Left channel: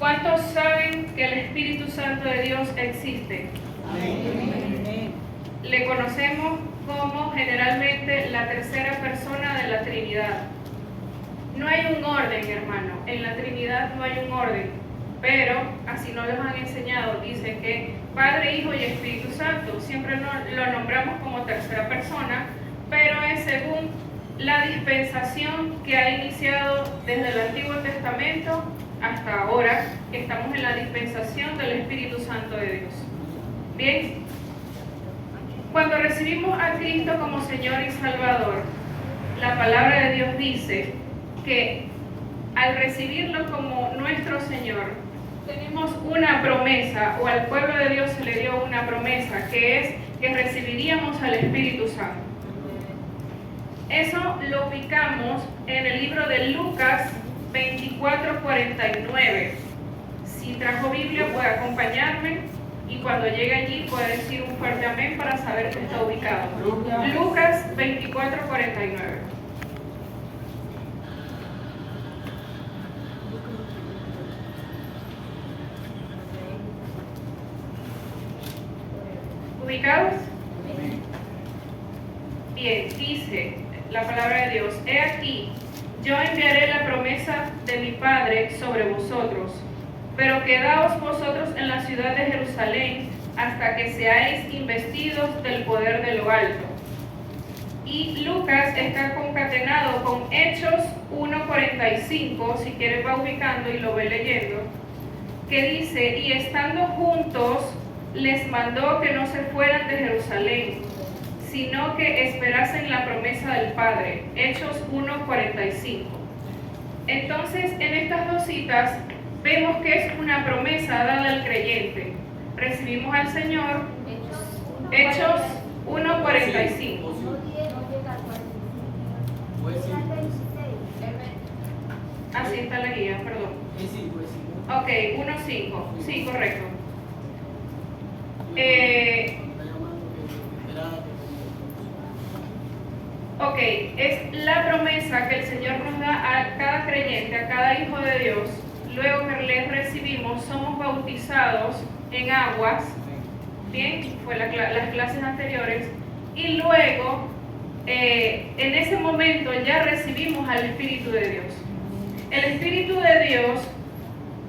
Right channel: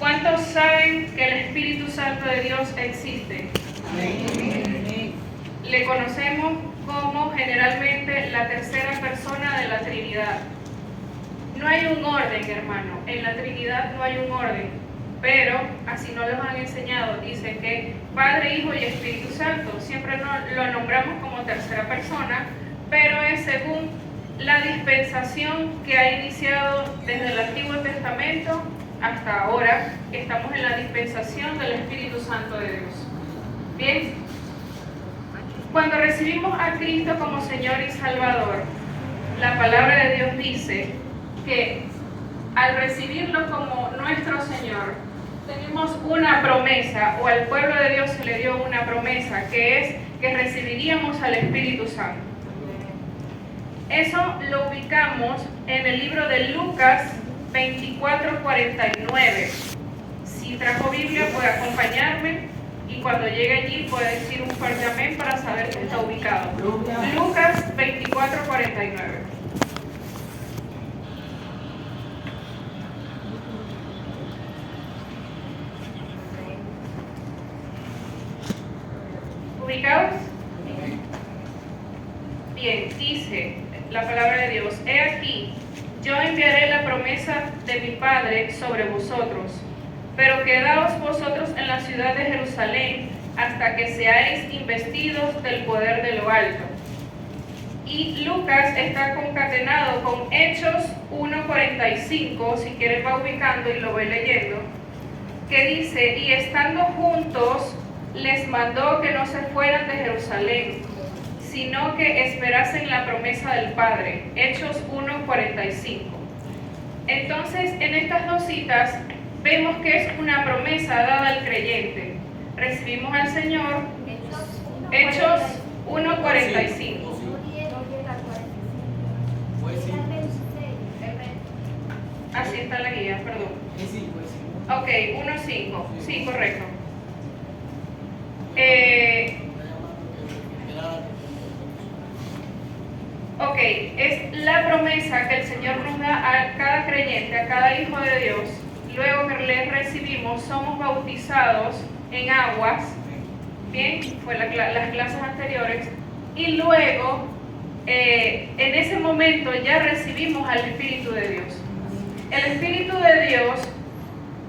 ¿Cuántos saben que el Espíritu Santo de Dios existe? Amén. Le conocemos como generalmente la tercera persona de la Trinidad. No hay un orden, hermano. En la Trinidad no hay un orden. Pero, así nos lo han enseñado, dice que Padre, Hijo y Espíritu Santo. Siempre lo nombramos como tercera persona, pero es según la dispensación que ha iniciado desde el Antiguo Testamento hasta ahora, que estamos en la dispensación del Espíritu Santo de Dios. Bien, cuando recibimos a Cristo como Señor y Salvador, la palabra de Dios dice que al recibirlo como nuestro Señor, tenemos una promesa, o al pueblo de Dios se le dio una promesa, que es que recibiríamos al Espíritu Santo. Eso lo ubicamos en el libro de Lucas 24:49. Si trajo Biblia puede acompañarme y cuando llegue allí puede decir un fuerte amén para saber que está ubicado. Lucas 24:49. ¿Ubicados? Bien, dice la palabra de Dios: he aquí, yo enviaré la promesa de mi Padre sobre vosotros, pero quedaos vosotros en la ciudad de Jerusalén hasta que seáis investidos del poder de lo alto. Y Lucas está concatenado con Hechos 1:45, si quieres va ubicando y lo ve leyendo, que dice: y estando juntos les mandó que no se fueran de Jerusalén, sino que esperasen la promesa del Padre. Hechos 1:45. Entonces, en estas dos citas vemos que es una promesa dada al creyente. Recibimos al Señor. Hechos 1:45. Así está la guía, perdón. Ok, 1:5. Sí, correcto. Ok, es la promesa que el Señor nos da a cada creyente, a cada hijo de Dios. Luego que les recibimos, somos bautizados en aguas. Bien, fue las clases anteriores. Y luego, en ese momento ya recibimos al Espíritu de Dios. El Espíritu de Dios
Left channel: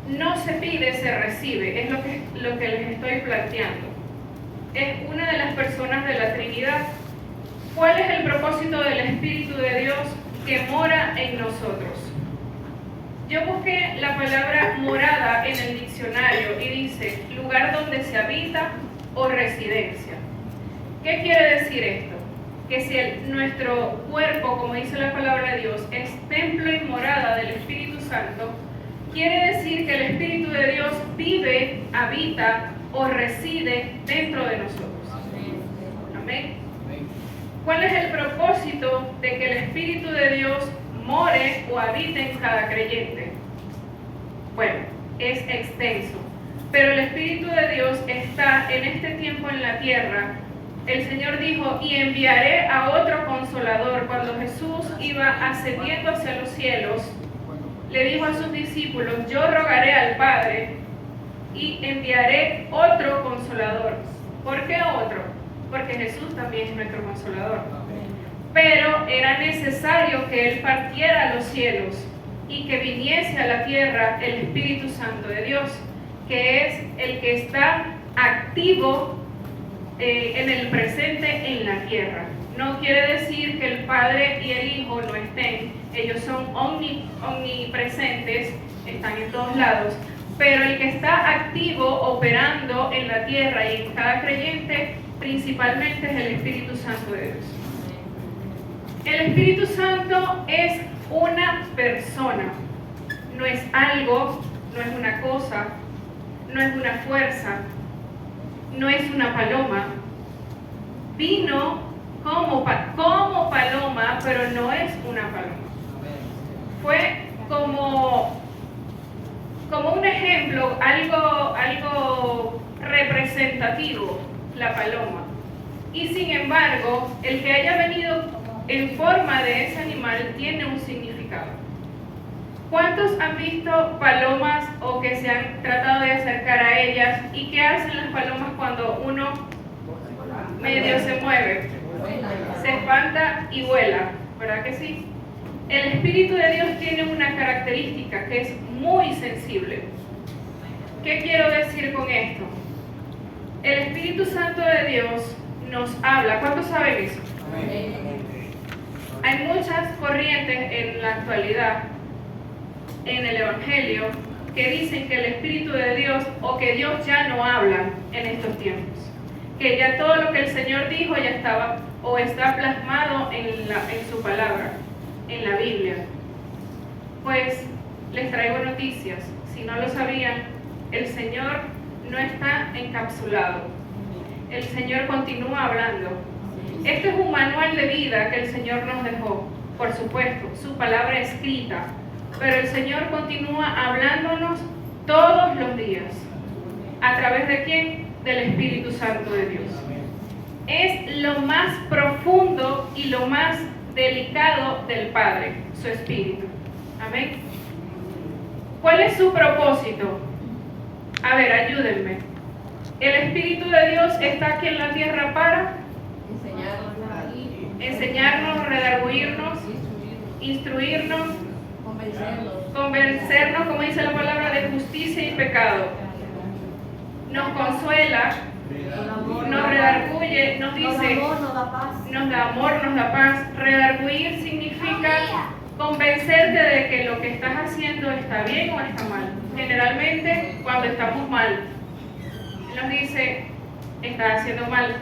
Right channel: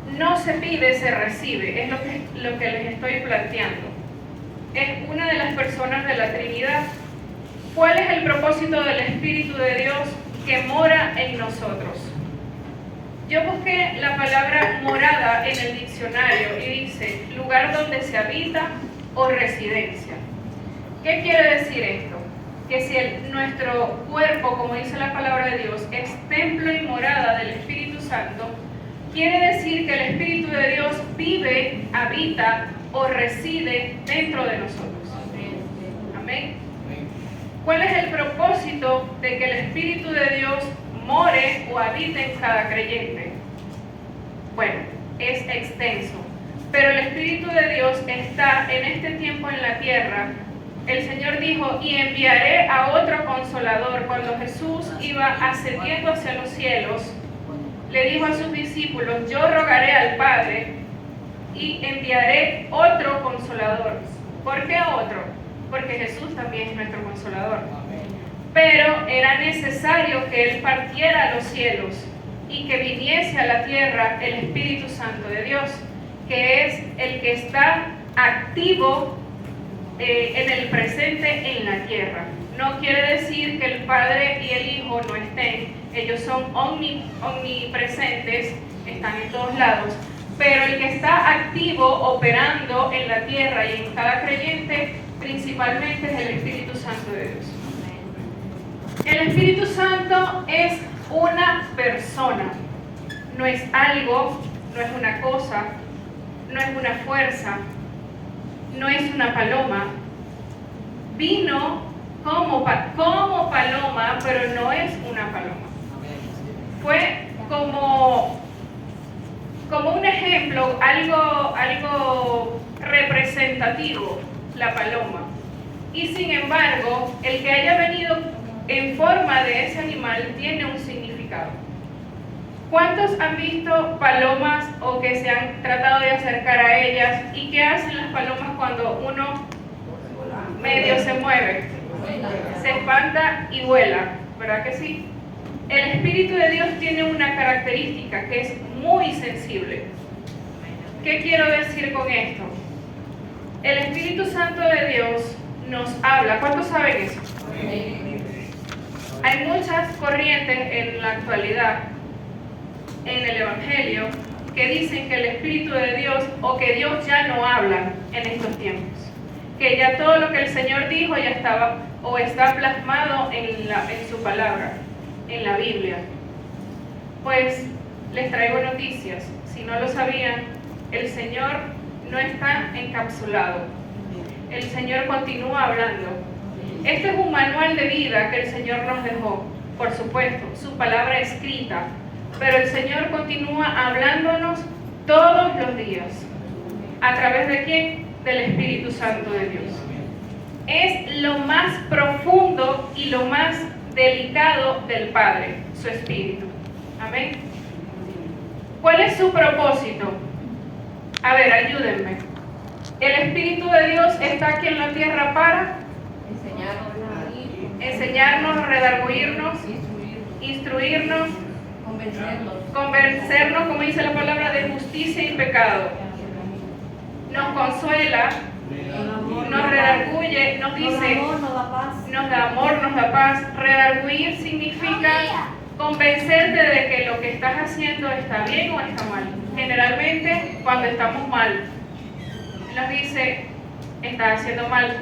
no se pide, se recibe. Es lo que les estoy planteando. Es una de las personas de la Trinidad. ¿Cuál es el propósito del Espíritu de Dios que mora en nosotros? Yo busqué la palabra morada en el diccionario y dice lugar donde se habita o residencia. ¿Qué quiere decir esto? Que si nuestro cuerpo, como dice la palabra de Dios, es templo y morada del Espíritu Santo, quiere decir que el Espíritu de Dios vive, habita o reside dentro de nosotros. Amén. ¿Cuál es el propósito de que el Espíritu de Dios more o habite en cada creyente? Bueno, es extenso, pero el Espíritu de Dios está en este tiempo en la tierra. El Señor dijo: y enviaré a otro Consolador. Cuando Jesús iba ascendiendo hacia los cielos, le dijo a sus discípulos: yo rogaré al Padre y enviaré otro Consolador. ¿Por qué otro? Porque Jesús también es nuestro Consolador. Pero era necesario que Él partiera a los cielos y que viniese a la tierra el Espíritu Santo de Dios, que es el que está activo en el presente en la tierra. No quiere decir que el Padre y el Hijo no estén. Ellos son omnipresentes, están en todos lados. Pero el que está activo, operando en la tierra y en cada creyente, principalmente es el Espíritu Santo de Dios. El Espíritu Santo es una persona, no es algo, no es una cosa, no es una fuerza, no es una paloma. Vino como paloma, pero no es una paloma. Fue como un ejemplo, algo representativo, la paloma. Y sin embargo, el que haya venido en forma de ese animal tiene un significado. ¿Cuántos han visto palomas o que se han tratado de acercar a ellas? ¿Y qué hacen las palomas cuando uno medio se mueve? Se espanta y vuela, ¿verdad que sí? El Espíritu de Dios tiene una característica que es muy sensible. ¿Qué quiero decir con esto? El Espíritu Santo de Dios nos habla. ¿Cuántos saben eso? Hay muchas corrientes en la actualidad en el Evangelio que dicen que el Espíritu de Dios o que Dios ya no habla en estos tiempos, que ya todo lo que el Señor dijo ya estaba o está plasmado en su palabra, en la Biblia. Pues les traigo noticias. Si no lo sabían, el Señor no está encapsulado. El Señor continúa hablando. Este es un manual de vida que el Señor nos dejó, por supuesto, su palabra escrita, pero el Señor continúa hablándonos todos los días. ¿A través de quién? Del Espíritu Santo de Dios. Es lo más profundo y lo más delicado del Padre, su Espíritu. Amén. ¿Cuál es su propósito? A ver, ayúdenme. El Espíritu de Dios está aquí en la tierra para enseñarnos, redarguirnos, instruirnos, convencernos, como dice la palabra, de justicia y pecado. Nos consuela, nos redarguye, nos dice, nos da amor, nos da paz. Redarguir significa convencerte de que lo que estás haciendo está bien o está mal. Generalmente, cuando estamos mal, nos dice, estás haciendo mal.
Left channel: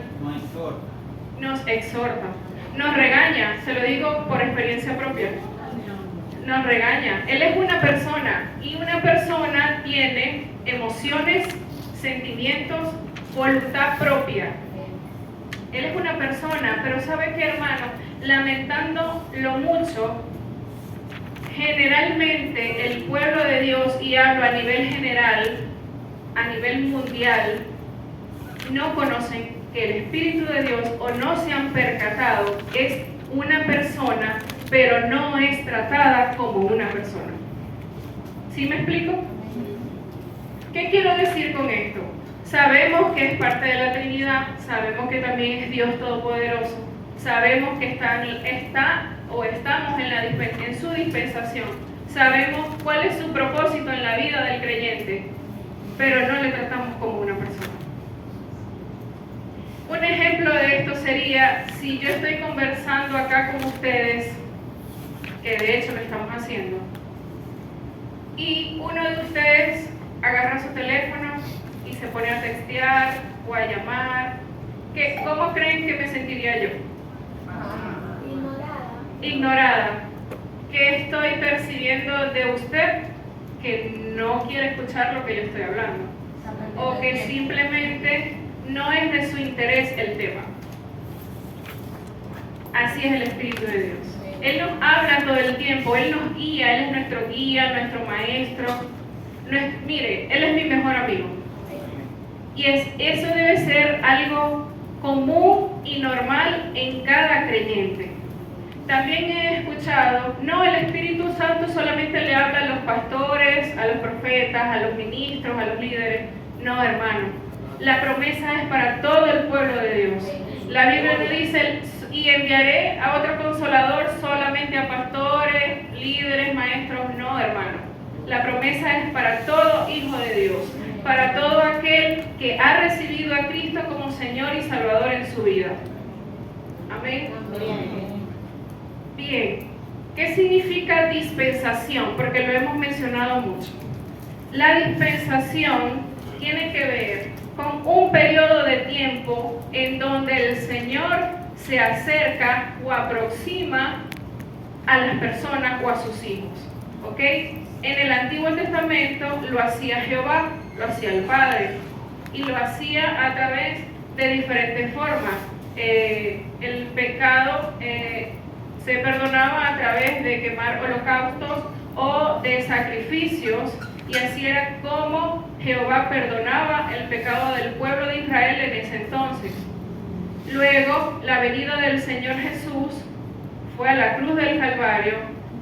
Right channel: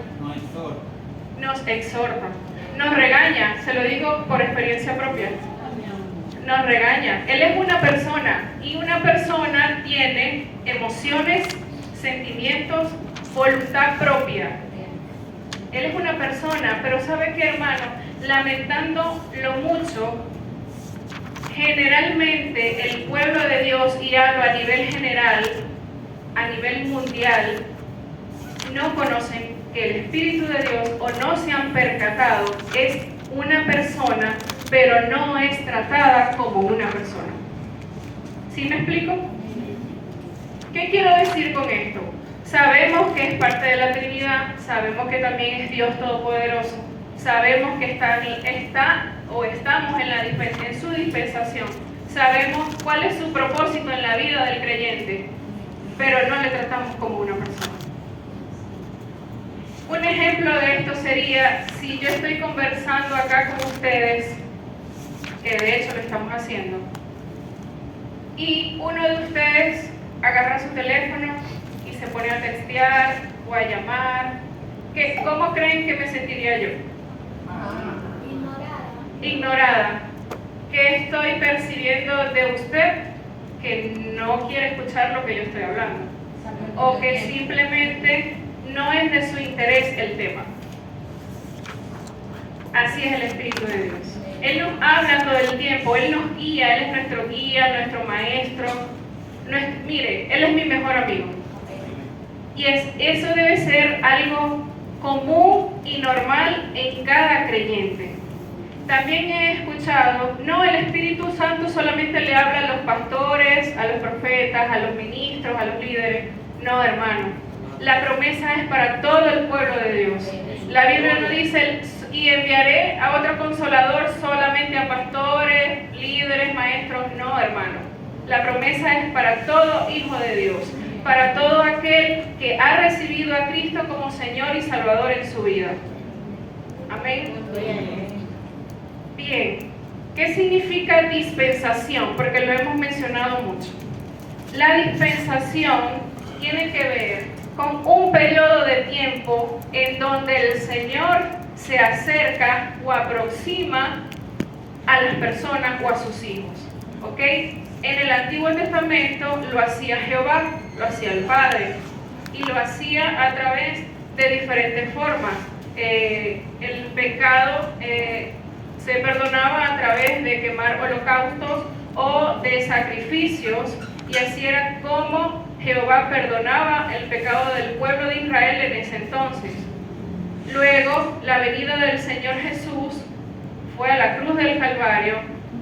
Nos exhorta, nos regaña, se lo digo por experiencia propia. Nos regaña. Él es una persona y una persona tiene emociones, sentimientos, voluntad propia. Él es una persona, pero ¿sabe qué, hermano? Lamentando lo mucho, generalmente el pueblo de Dios, y hablo a nivel general, a nivel mundial, no conocen que el Espíritu de Dios, o no se han percatado, es una persona, pero no es tratada como una persona. ¿Sí me explico? ¿Qué quiero decir con esto? Sabemos que es parte de la Trinidad, sabemos que también es Dios Todopoderoso, sabemos que estamos en su dispensación, sabemos cuál es su propósito en la vida del creyente, pero no le tratamos como una persona. Un ejemplo de esto sería, si yo estoy conversando acá con ustedes, que de hecho lo estamos haciendo, y uno de ustedes agarra su teléfono y se pone a textear o a llamar, ¿cómo creen que me sentiría yo? Ignorada. ¿Qué estoy percibiendo de usted? Que no quiere escuchar lo que yo estoy hablando, o que simplemente no es de su interés el tema. Así es el Espíritu de Dios. Él nos habla todo el tiempo, Él nos guía, Él es nuestro guía, nuestro maestro. Mire, Él es mi mejor amigo. Y eso debe ser algo común y normal en cada creyente. También he escuchado, no, el Espíritu Santo solamente le habla a los pastores, a los profetas, a los ministros, a los líderes. No, hermano. La promesa es para todo el pueblo de Dios. La Biblia no dice, y enviaré a otro consolador solamente a pastores, líderes, maestros. No, hermano. La promesa es para todo hijo de Dios, para todo aquel que ha recibido a Cristo como Señor y Salvador en su vida. Amén. Bien. ¿Qué significa dispensación? Porque lo hemos mencionado mucho. La dispensación tiene que ver con un periodo de tiempo en donde el Señor se acerca o aproxima a las personas o a sus hijos. ¿Ok? En el Antiguo Testamento lo hacía Jehová, lo hacía el Padre, y lo hacía a través de diferentes formas. El pecado se perdonaba a través de quemar holocaustos o de sacrificios, y así era como Jehová perdonaba el pecado del pueblo de Israel en ese entonces. Luego, la venida del Señor Jesús fue a la cruz del Calvario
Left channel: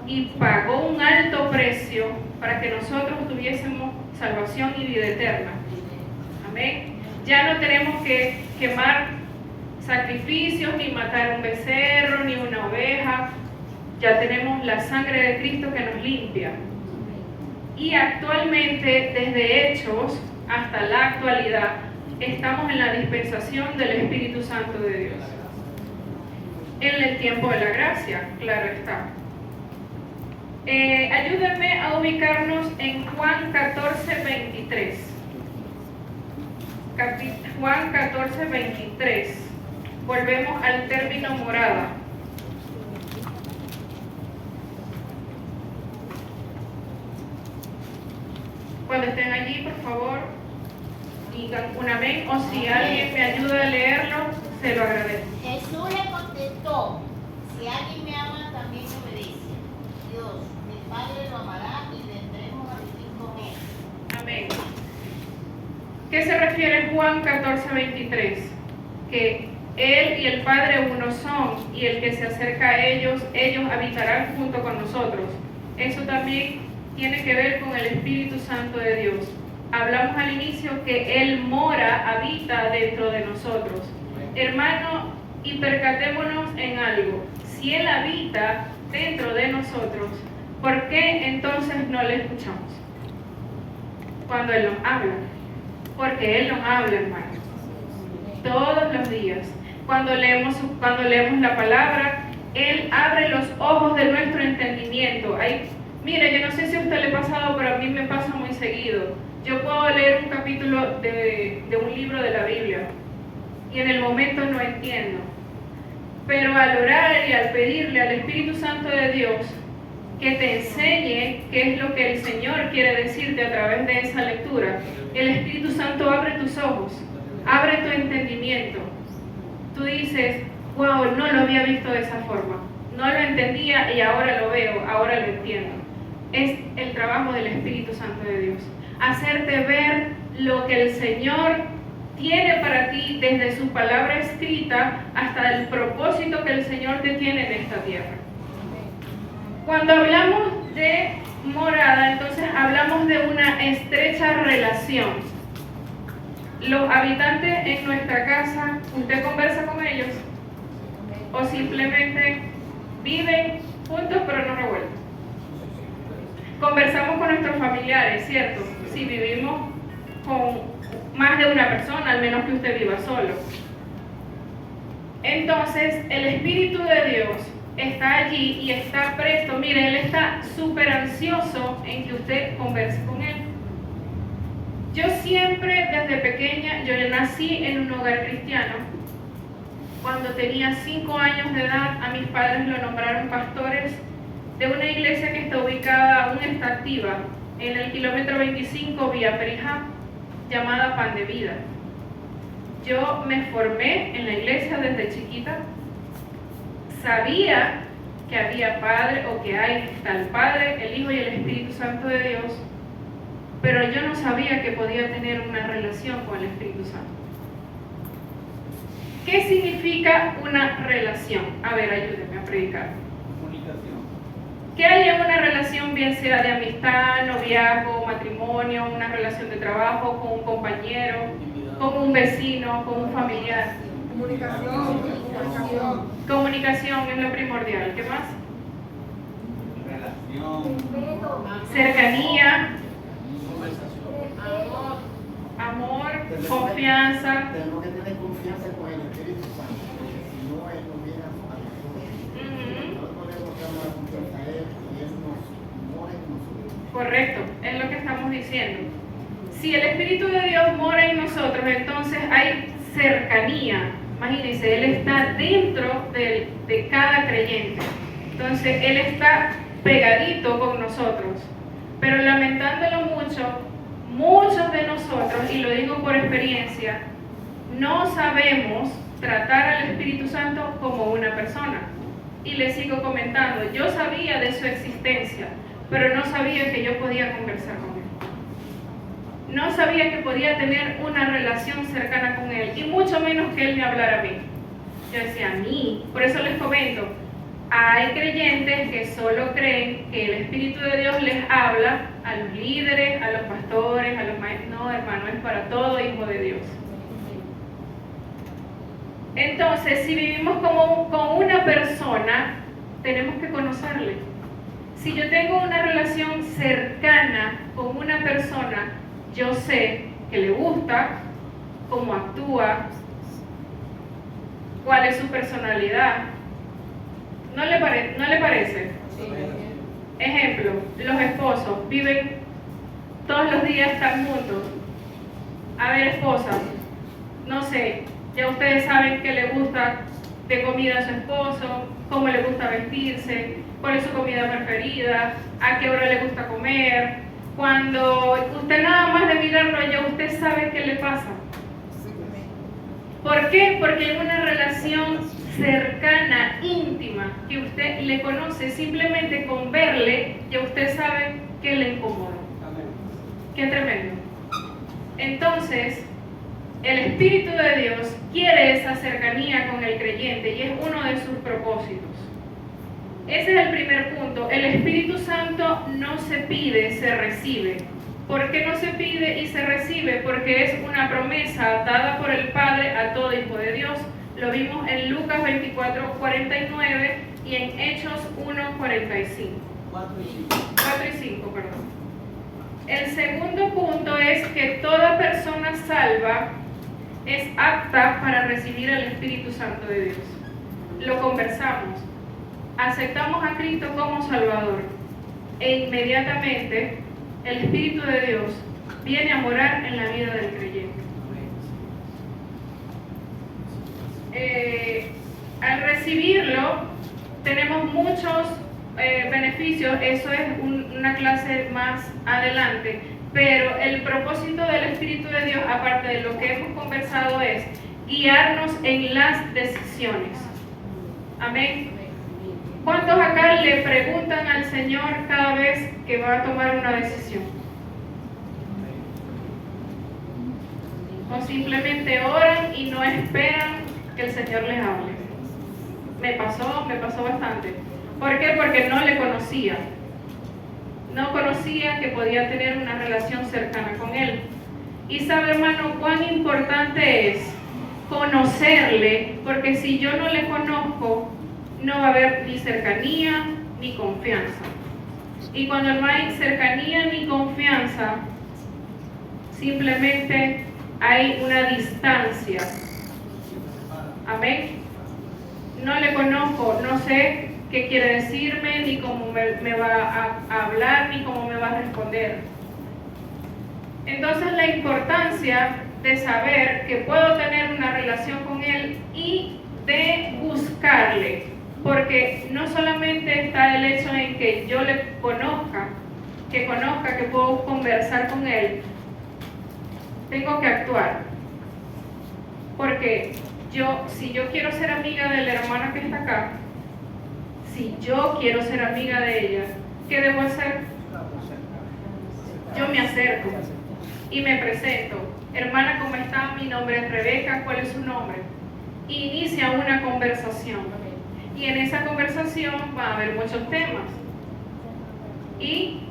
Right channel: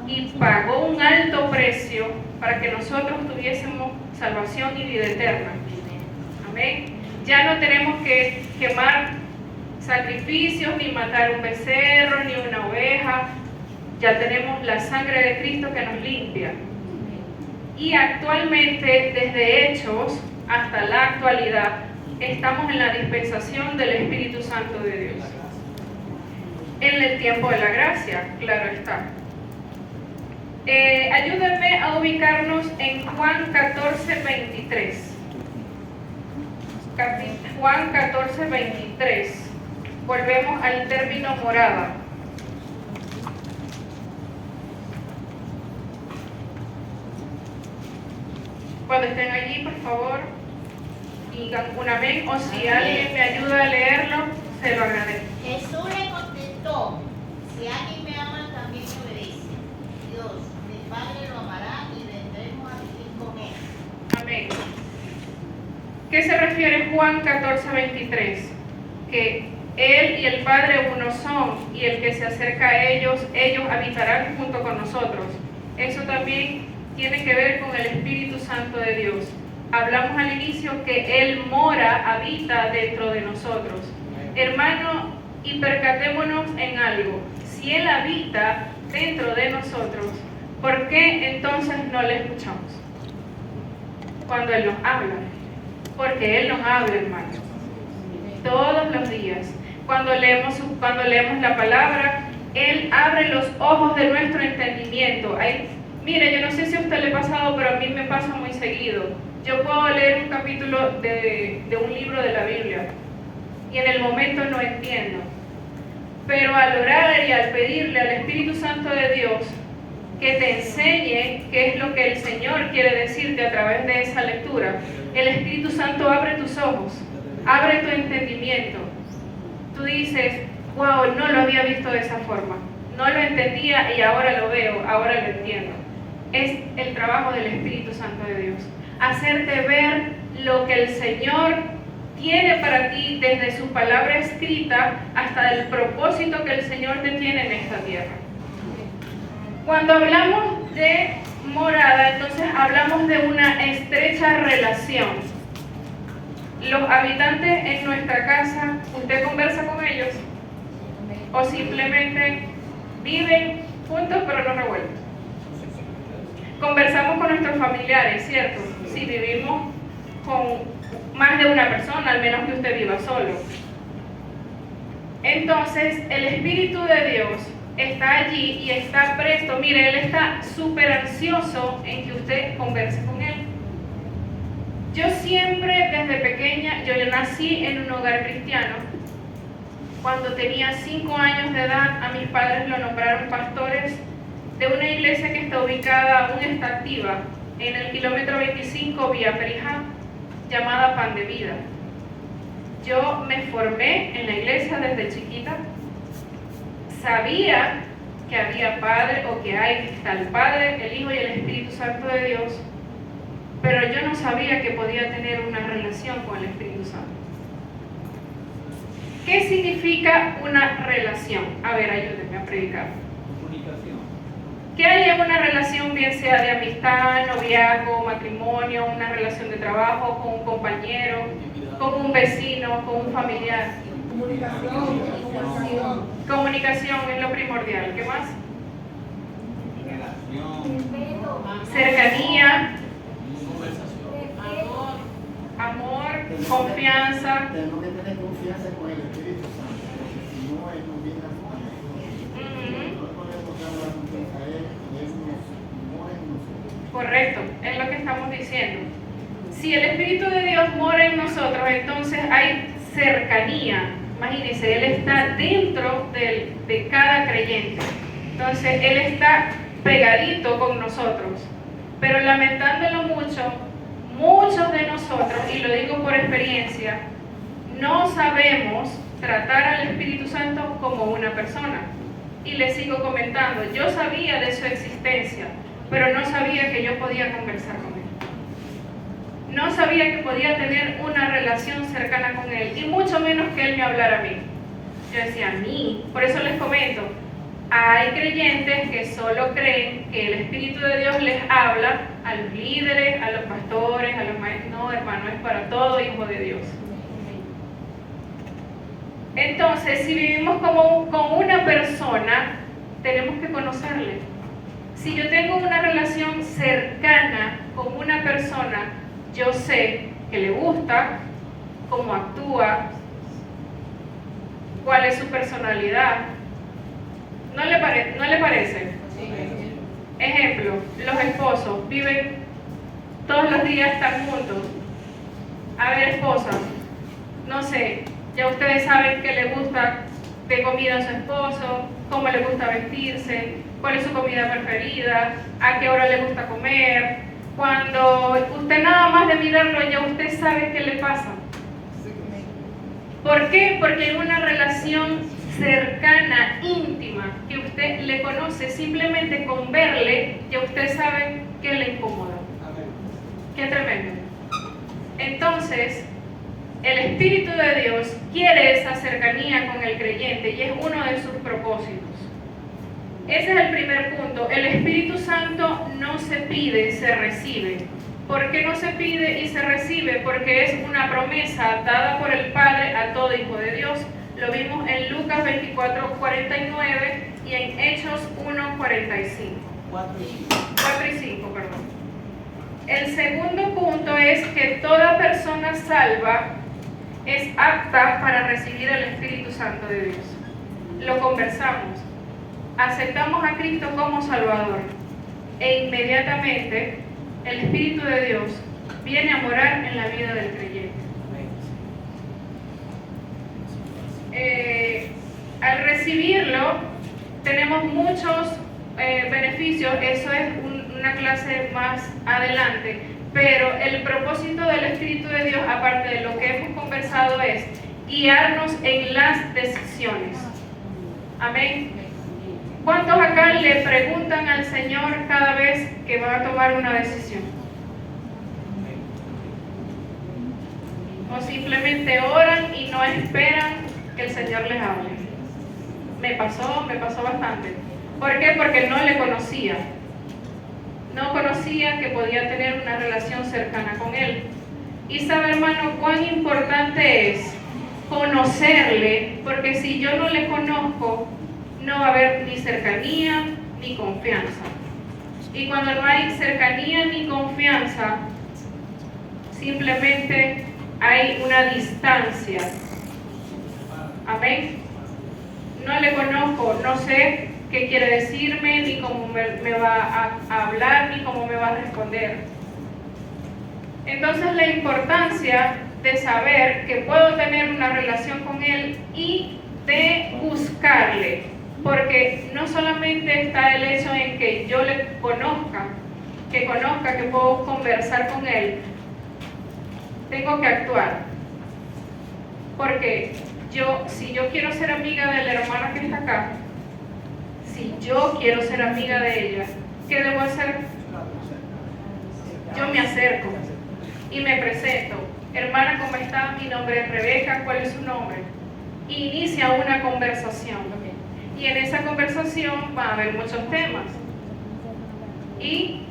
y pagó un alto precio para que nosotros tuviésemos salvación y vida eterna. Amén. Ya no tenemos que quemar sacrificios, ni matar un becerro, ni una oveja. Ya tenemos la sangre de Cristo que nos limpia. Y actualmente, desde Hechos hasta la actualidad, estamos en la dispensación del Espíritu Santo de Dios. En el tiempo de la gracia, claro está. Ayúdenme a ubicarnos en Juan 14:23. Juan 14:23. Volvemos al término morada. Cuando estén allí, por favor, digan un amén, o si alguien me ayuda a leerlo, se lo agradezco. Jesús le contestó: si alguien me ama, también me obedece. Dios, el Padre lo amará y vendremos a vivir con él. Amén. ¿Qué se refiere Juan 14:23? Que Él y el Padre uno son, y el que se acerca a ellos, ellos habitarán junto con nosotros. Eso también tiene que ver con el Espíritu Santo de Dios. Hablamos al inicio que Él mora, habita dentro de nosotros. Hermano, y percatémonos en algo. Si Él habita dentro de nosotros, ¿por qué entonces no le escuchamos? Cuando Él nos habla. Porque Él nos habla, hermano. Todos los días. Cuando leemos la palabra, Él abre los ojos de nuestro entendimiento. Mire, yo no sé si a usted le ha pasado, pero a mí me pasa muy seguido. Yo puedo leer un capítulo de un libro de la Biblia y en el momento no entiendo. Pero al orar y al pedirle al Espíritu Santo de Dios que te enseñe qué es lo que el Señor quiere decirte a través de esa lectura, el Espíritu Santo abre tus ojos, abre tu entendimiento. Tú dices, wow, no lo había visto de esa forma, no lo entendía y ahora lo veo, ahora lo entiendo. Es el trabajo del Espíritu Santo de Dios, hacerte ver lo que el Señor tiene para ti desde su palabra escrita hasta el propósito que el Señor te tiene en esta tierra. Cuando hablamos de morada, entonces hablamos de una estrecha relación. Los habitantes en nuestra casa, ¿usted conversa con ellos? ¿O simplemente viven juntos pero no revueltos? Conversamos con nuestros familiares, ¿cierto? Si vivimos con más de una persona, al menos que usted viva solo. Entonces, el Espíritu de Dios está allí y está presto. Mire, Él está súper ansioso en que usted converse con Él. Yo siempre, desde pequeña, yo nací en un hogar cristiano. Cuando tenía 5 años de edad, a mis padres lo nombraron pastores de una iglesia que está ubicada, aún está activa, en el kilómetro 25 vía Perijá, llamada Pan de Vida. Yo me formé en la iglesia desde chiquita. Sabía que había Padre, o que está el Padre, el Hijo y el Espíritu Santo de Dios, pero yo no sabía que podía tener una relación con el Espíritu Santo. ¿Qué significa una relación? A ver, ayúdenme a predicar. Que haya una relación, bien sea de amistad, noviazgo, matrimonio, una relación de trabajo, con un compañero, con un vecino, con un familiar. Comunicación es lo primordial. ¿Qué más? Cercanía, amor, confianza. Tenemos que tener confianza con el Espíritu Santo, porque si no, Él nos viene a nosotros. Nosotros podemos dar la confianza a Él y Él nos mora en nosotros. Correcto, es lo que estamos diciendo. Si el Espíritu de Dios mora en nosotros, entonces hay cercanía. Imagínense, Él está dentro de cada creyente. Entonces, Él está pegadito con nosotros. Pero lamentándolo mucho, muchos de nosotros, y lo digo por experiencia, no sabemos tratar al Espíritu Santo como una persona. Y les sigo comentando, yo sabía de su existencia, pero no sabía que yo podía conversar con Él. No sabía que podía tener una relación cercana con Él, y mucho menos que Él me hablara a mí. Yo decía, a mí. Por eso les comento, Hay creyentes que solo creen que el Espíritu de Dios les habla a los líderes, a los pastores, a los maestros. No, hermano, es para todo hijo de Dios. Entonces, si vivimos con una persona, tenemos que conocerle. Si yo tengo una relación cercana con una persona, yo sé que le gusta, cómo actúa, cuál es su personalidad. ¿No le parece? Ejemplo, los esposos viven todos los días están juntos. A ver, esposas, no sé, ya ustedes saben qué le gusta de comida a su esposo, cómo le gusta vestirse, cuál es su comida preferida, a qué hora le gusta comer. Cuando usted nada más de mirarlo, ya usted sabe qué le pasa. ¿Por qué? Porque en una relación cercana, íntima, que usted le conoce, simplemente con verle, ya usted sabe qué le incomoda. Qué tremendo. Entonces, el Espíritu de Dios quiere esa cercanía con el creyente y es uno de sus propósitos. Ese es el primer punto. El Espíritu Santo no se pide, se recibe. ¿Por qué no se pide y se recibe? Porque es una promesa dada por el Padre a todo hijo de Dios. Lo vimos en Lucas 24:49 y en Hechos 1:45. 4 y 5, perdón. El segundo punto es que toda persona salva es apta para recibir el Espíritu Santo de Dios. Lo conversamos. Aceptamos a Cristo como Salvador e inmediatamente el Espíritu de Dios viene a morar en la vida del creyente. Al recibirlo tenemos muchos beneficios, eso es una clase más adelante, pero el propósito del Espíritu de Dios, aparte de lo que hemos conversado, es guiarnos en las decisiones. Amén. ¿Cuántos acá le preguntan al Señor cada vez que va a tomar una decisión? O simplemente oran y no esperan que el Señor les hable. Me pasó bastante. ¿Por qué? Porque no le conocía. No conocía que podía tener una relación cercana con Él. Y sabe, hermano, cuán importante es conocerle, porque si yo no le conozco, no va a haber ni cercanía ni confianza. Y cuando no hay cercanía ni confianza, simplemente hay una distancia. Amén. No le conozco, no sé qué quiere decirme, ni cómo me va a hablar, ni cómo me va a responder. Entonces la importancia de saber que puedo tener una relación con Él y de buscarle, porque no solamente está el hecho en que yo le conozca, que puedo conversar con Él, tengo que actuar, porque si yo quiero ser amiga de la hermana que está acá, si yo quiero ser amiga de ella, ¿qué debo hacer? Yo me acerco y me presento. Hermana, ¿cómo está? Mi nombre es Rebeca, ¿cuál es su nombre? Inicia una conversación. Y en esa conversación va a haber muchos temas. Y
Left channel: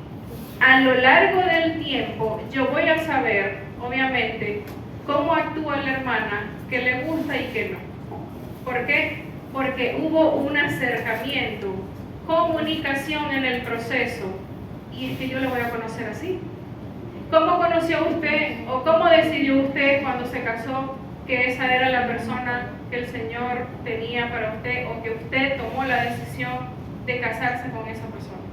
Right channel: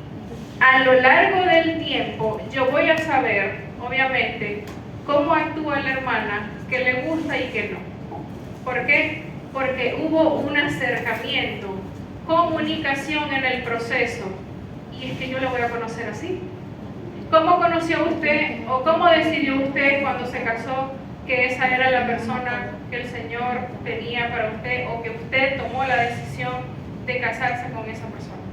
a lo largo del tiempo yo voy a saber, obviamente, cómo actúa la hermana, qué le gusta y qué no. ¿Por qué? Porque hubo un acercamiento, comunicación en el proceso. Y es que yo lo voy a conocer así. ¿Cómo conoció usted o cómo decidió usted cuando se casó que esa era la persona que el Señor tenía para usted o que usted tomó la decisión de casarse con esa persona?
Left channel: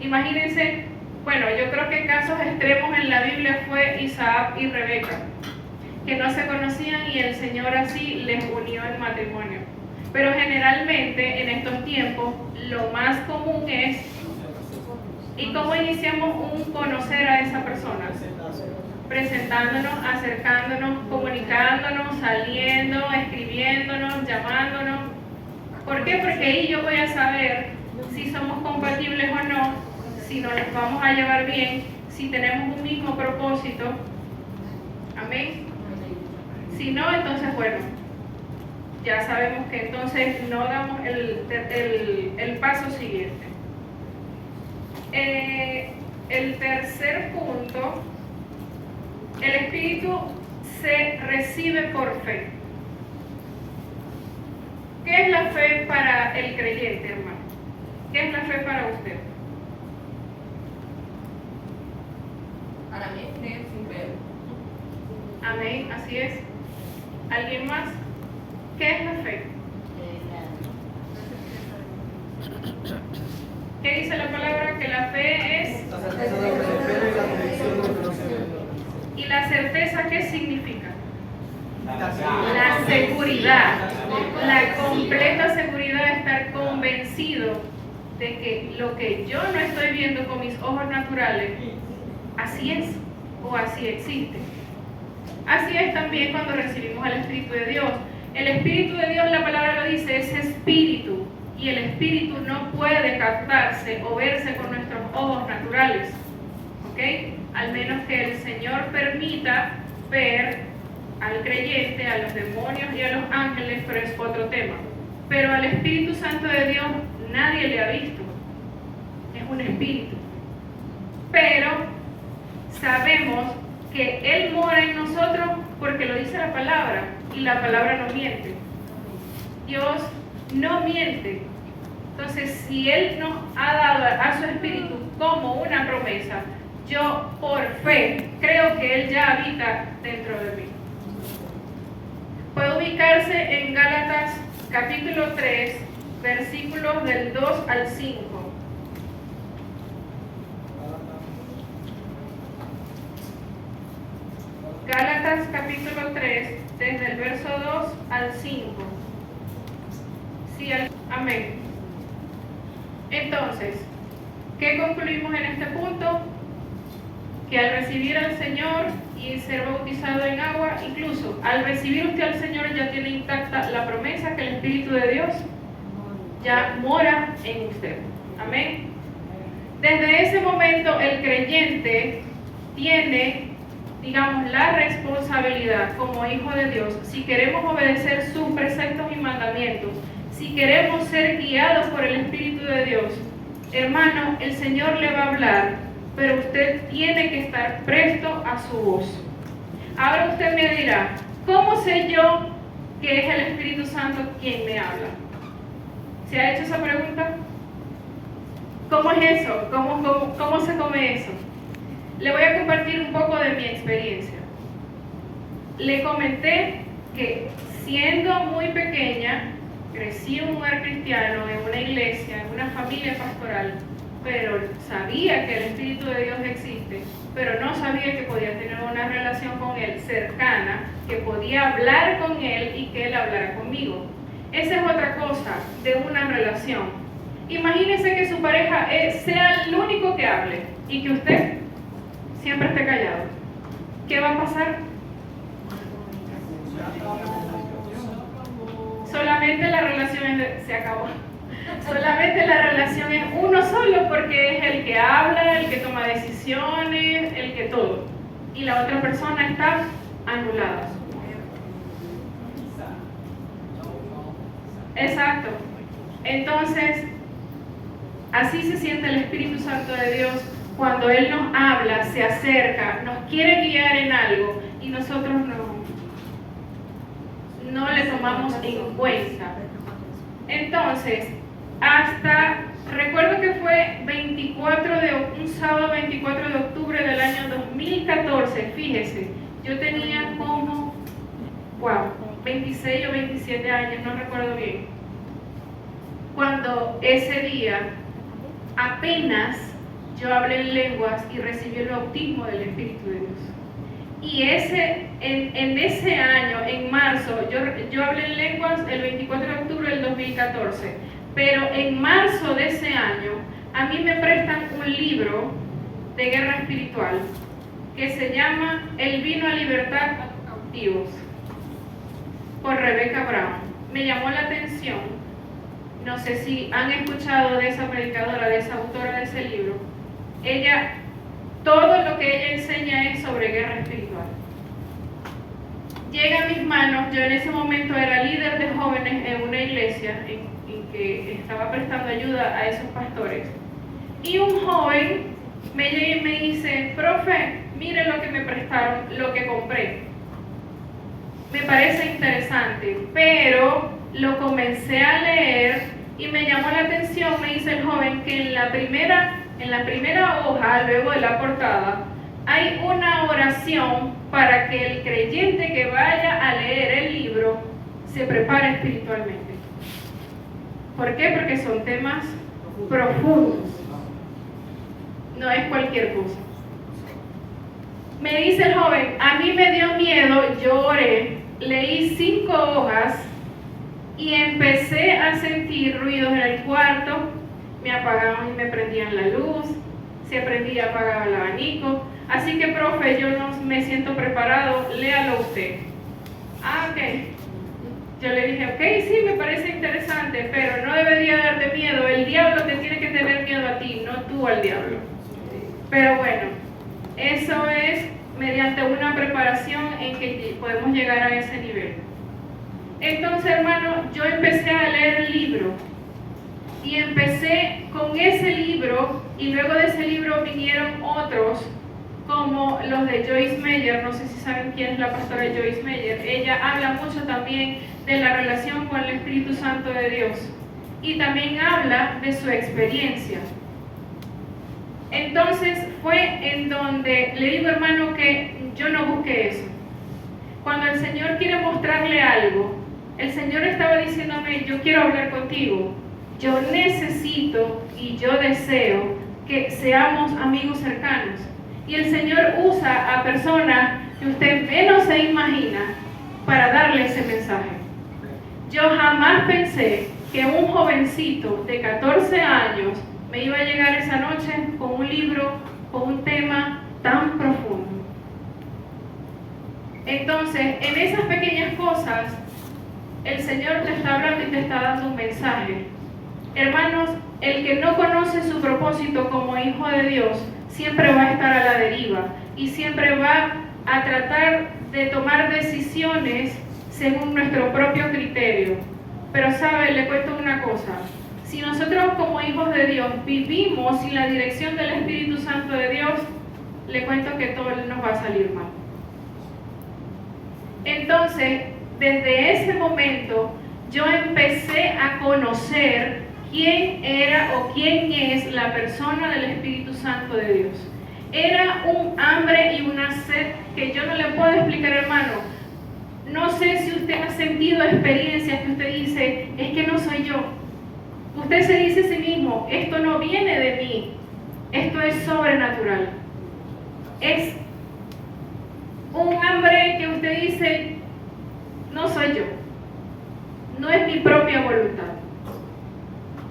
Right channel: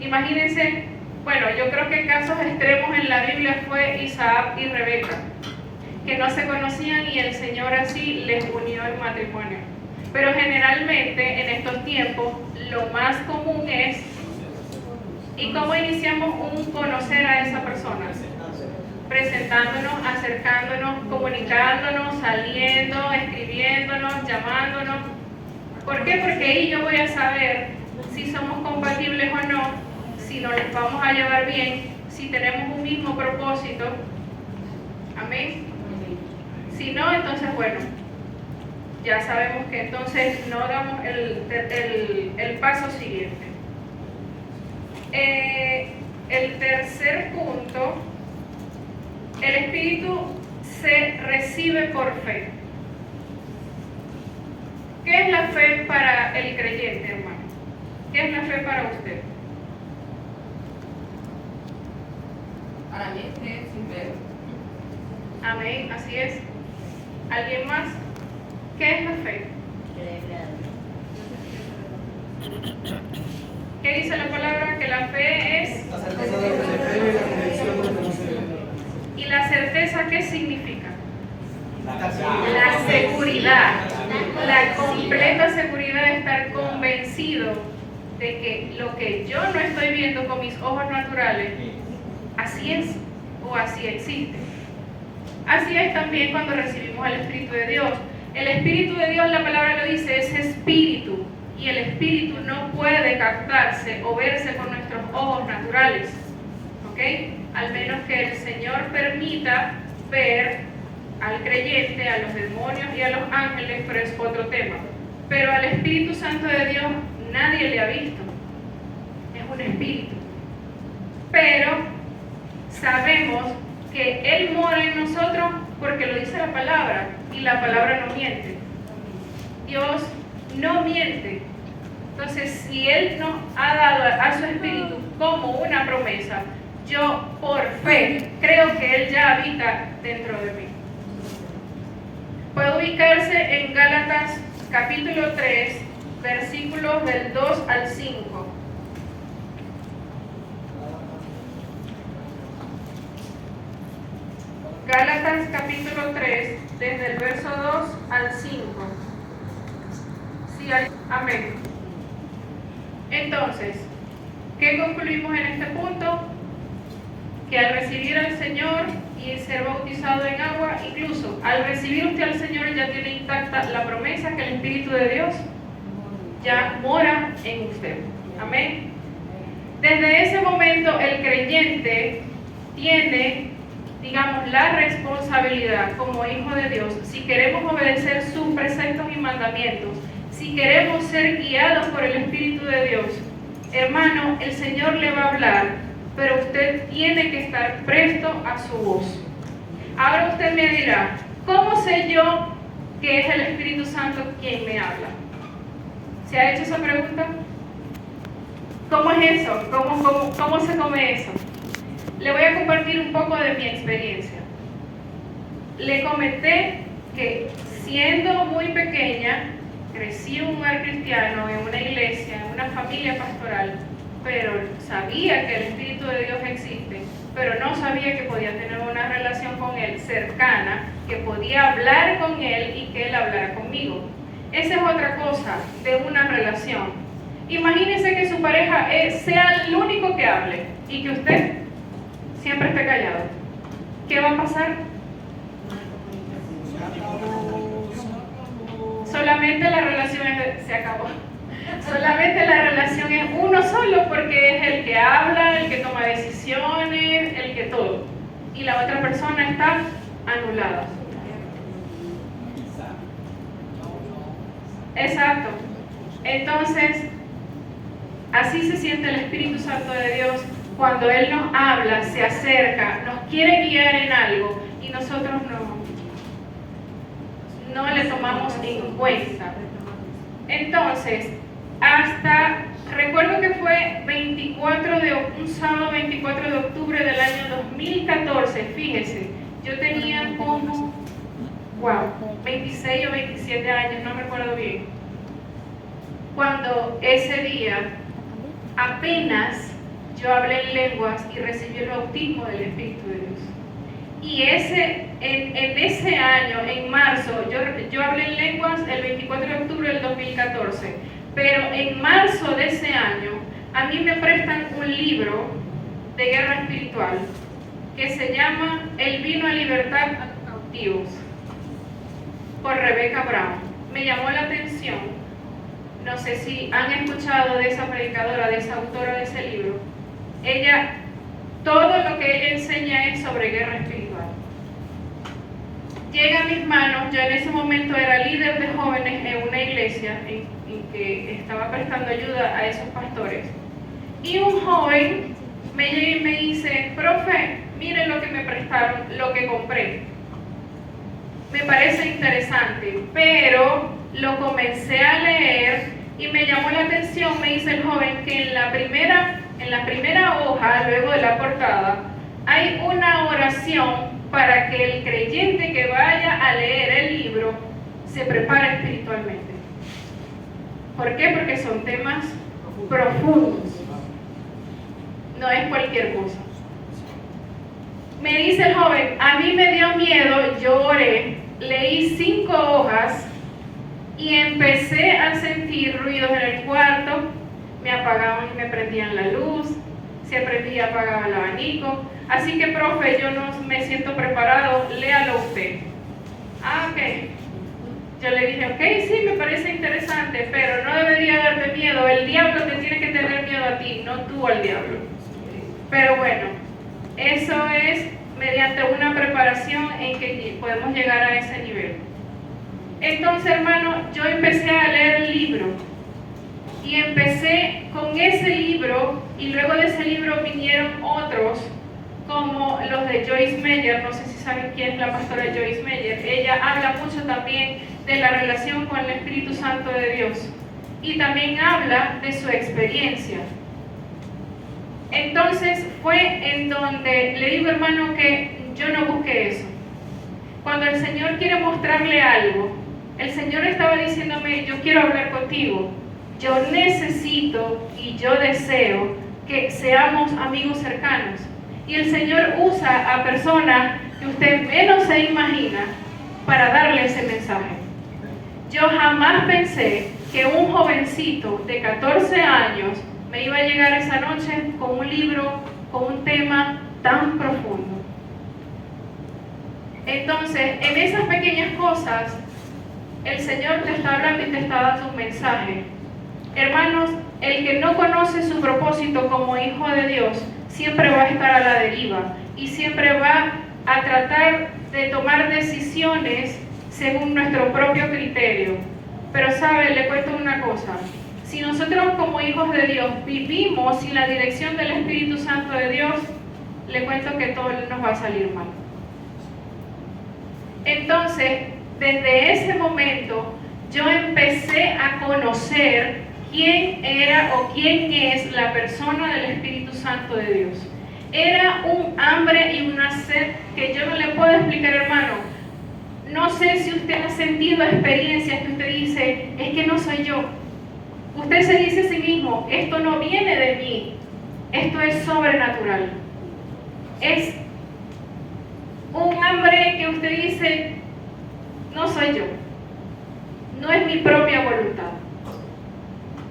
Imagínense, bueno, yo creo que casos extremos en la Biblia fue Isaac y Rebeca, que no se conocían y el Señor así les unió el matrimonio. Pero generalmente en estos tiempos lo más común es, ¿y cómo iniciamos un conocer a esa persona? Presentándonos, acercándonos, comunicándonos, saliendo, escribiéndonos, llamándonos. ¿Por qué? Porque ahí yo voy a saber si somos compatibles o no, si nos vamos a llevar bien, si tenemos un mismo propósito. Amén. Si no, entonces bueno, ya sabemos que entonces no damos el paso siguiente. El tercer punto, el Espíritu se recibe por fe. ¿Qué es la fe para el creyente, hermano? ¿Qué es la fe para usted? Para mí es creer sin ver. Amén, así es. ¿Alguien más? ¿Qué es la fe? Creerle a Dios. ¿Qué dice la palabra? Que la fe es... La certeza de lo que se espera y la convicción de lo que no se ve. ¿Y la certeza qué significa? La La seguridad, la completa seguridad de estar convencido de que lo que yo no estoy viendo con mis ojos naturales, así es o así existe. Así es también cuando recibimos el Espíritu de Dios. El Espíritu de Dios, la palabra lo dice, es espíritu, y el espíritu no puede captarse o verse con nuestros ojos naturales, ¿ok? Al menos que el Señor permita ver al creyente, a los demonios y a los ángeles, pero es otro tema. Pero al Espíritu Santo de Dios nadie le ha visto, es un espíritu. Pero sabemos que Él mora en nosotros porque lo dice la palabra, y la palabra no miente. Dios no miente. Entonces, si Él nos ha dado a su Espíritu como una promesa, yo por fe creo que Él ya habita dentro de mí. Puede ubicarse en Gálatas capítulo 3, versículos del 2 al 5. Gálatas capítulo 3, desde el verso 2 al 5. Sí, amén. Entonces, ¿qué concluimos en este punto? Que al recibir al Señor y ser bautizado en agua, incluso al recibir usted al Señor ya tiene intacta la promesa que el Espíritu de Dios ya mora en usted. Amén. Desde ese momento el creyente tiene, digamos, la responsabilidad como hijo de Dios, si queremos obedecer sus preceptos y mandamientos, si queremos ser guiados por el Espíritu de Dios, hermano, el Señor le va a hablar, pero usted tiene que estar presto a su voz. Ahora usted me dirá, ¿cómo sé yo que es el Espíritu Santo quien me habla? ¿Se ha hecho esa pregunta? ¿Cómo es eso? ¿Cómo se come eso? Le voy a compartir un poco de mi experiencia. Le comenté que siendo muy pequeña, crecí en un hogar cristiano, en una iglesia, en una familia pastoral, pero sabía que el Espíritu de Dios existe, pero no sabía que podía tener una relación con Él cercana, que podía hablar con Él y que Él hablara conmigo. Esa es otra cosa de una relación. Imagínese que su pareja sea el único que hable y que usted siempre esté callado. ¿Qué va a pasar? Solamente la relación se acabó. Solamente la relación es uno solo porque es el que habla, el que toma decisiones, el que todo. Y la otra persona está anulada. Exacto. Entonces, así se siente el Espíritu Santo de Dios cuando Él nos habla, se acerca, nos quiere guiar en algo y nosotros no le tomamos en cuenta. Entonces, recuerdo que fue un sábado 24 de octubre del año 2014, fíjese, yo tenía como, 26 o 27 años, no recuerdo bien, cuando ese día apenas yo hablé en lenguas y recibí el bautismo del Espíritu de Dios. Y en ese año, en marzo, yo hablé en lenguas el 24 de octubre del 2014, pero en marzo de ese año, a mí me prestan un libro de guerra espiritual que se llama El vino a libertar a cautivos, por Rebecca Brown. Me llamó la atención, no sé si han escuchado de esa predicadora, de esa autora de ese libro. Todo lo que ella enseña es sobre guerra espiritual. llega a mis manos. Yo en ese momento era líder de jóvenes en una iglesia en que estaba prestando ayuda a esos pastores. Y un joven me llega y me dice: profe, mire lo que me prestaron, lo que compré. Me parece interesante, pero lo comencé a leer y me llamó la atención. Me dice el joven que en la primera hoja, luego de la portada, hay una oración para que el creyente que vaya a leer el libro se prepare espiritualmente. ¿Por qué? Porque son temas profundos. No es cualquier cosa. Me dice el joven: a mí me dio miedo, yo oré, leí 5 hojas y empecé a sentir ruidos en el cuarto. Me apagaban y me prendían la luz, se prendía y apagaba el abanico. Así que, profe, yo no me siento preparado, léalo usted. Ah, ok. Yo le dije: ok, sí, me parece interesante, pero no debería darte miedo. El diablo te tiene que tener miedo a ti, no tú al diablo. Pero bueno, eso es mediante una preparación en que podemos llegar a ese nivel. Entonces, hermano, yo empecé a leer el libro y empecé con ese libro, y luego de ese libro vinieron otros como los de Joyce Meyer. No sé si saben quién es la pastora Joyce Meyer. Ella habla mucho también de la relación con el Espíritu Santo de Dios y también habla de su experiencia. Entonces fue en donde le digo, hermano, que yo no busqué eso. Cuando el Señor quiere mostrarle algo, el Señor estaba diciéndome: yo quiero hablar contigo, yo necesito y yo deseo que seamos amigos cercanos. Y el Señor usa a personas que usted menos se imagina para darle ese mensaje. Yo jamás pensé que un jovencito de 14 años me iba a llegar esa noche con un libro, con un tema tan profundo. Entonces, en esas pequeñas cosas, el Señor te está hablando y te está dando un mensaje. Hermanos, el que no conoce su propósito como hijo de Dios, siempre va a estar a la deriva y siempre va a tratar de tomar decisiones según nuestro propio criterio. Pero sabe, le cuento una cosa: si nosotros como hijos de Dios vivimos sin la dirección del Espíritu Santo de Dios, le cuento que todo nos va a salir mal. Entonces, desde ese momento, yo empecé a conocer quién era o quién es la persona del Espíritu Santo de Dios. Era un hambre y una sed que yo no le puedo explicar, hermano. No sé si usted ha sentido experiencias que usted dice: es que no soy yo. Usted se dice a sí mismo: esto no viene de mí, esto es sobrenatural. Es un hambre que usted dice: no soy yo, no es mi propia voluntad.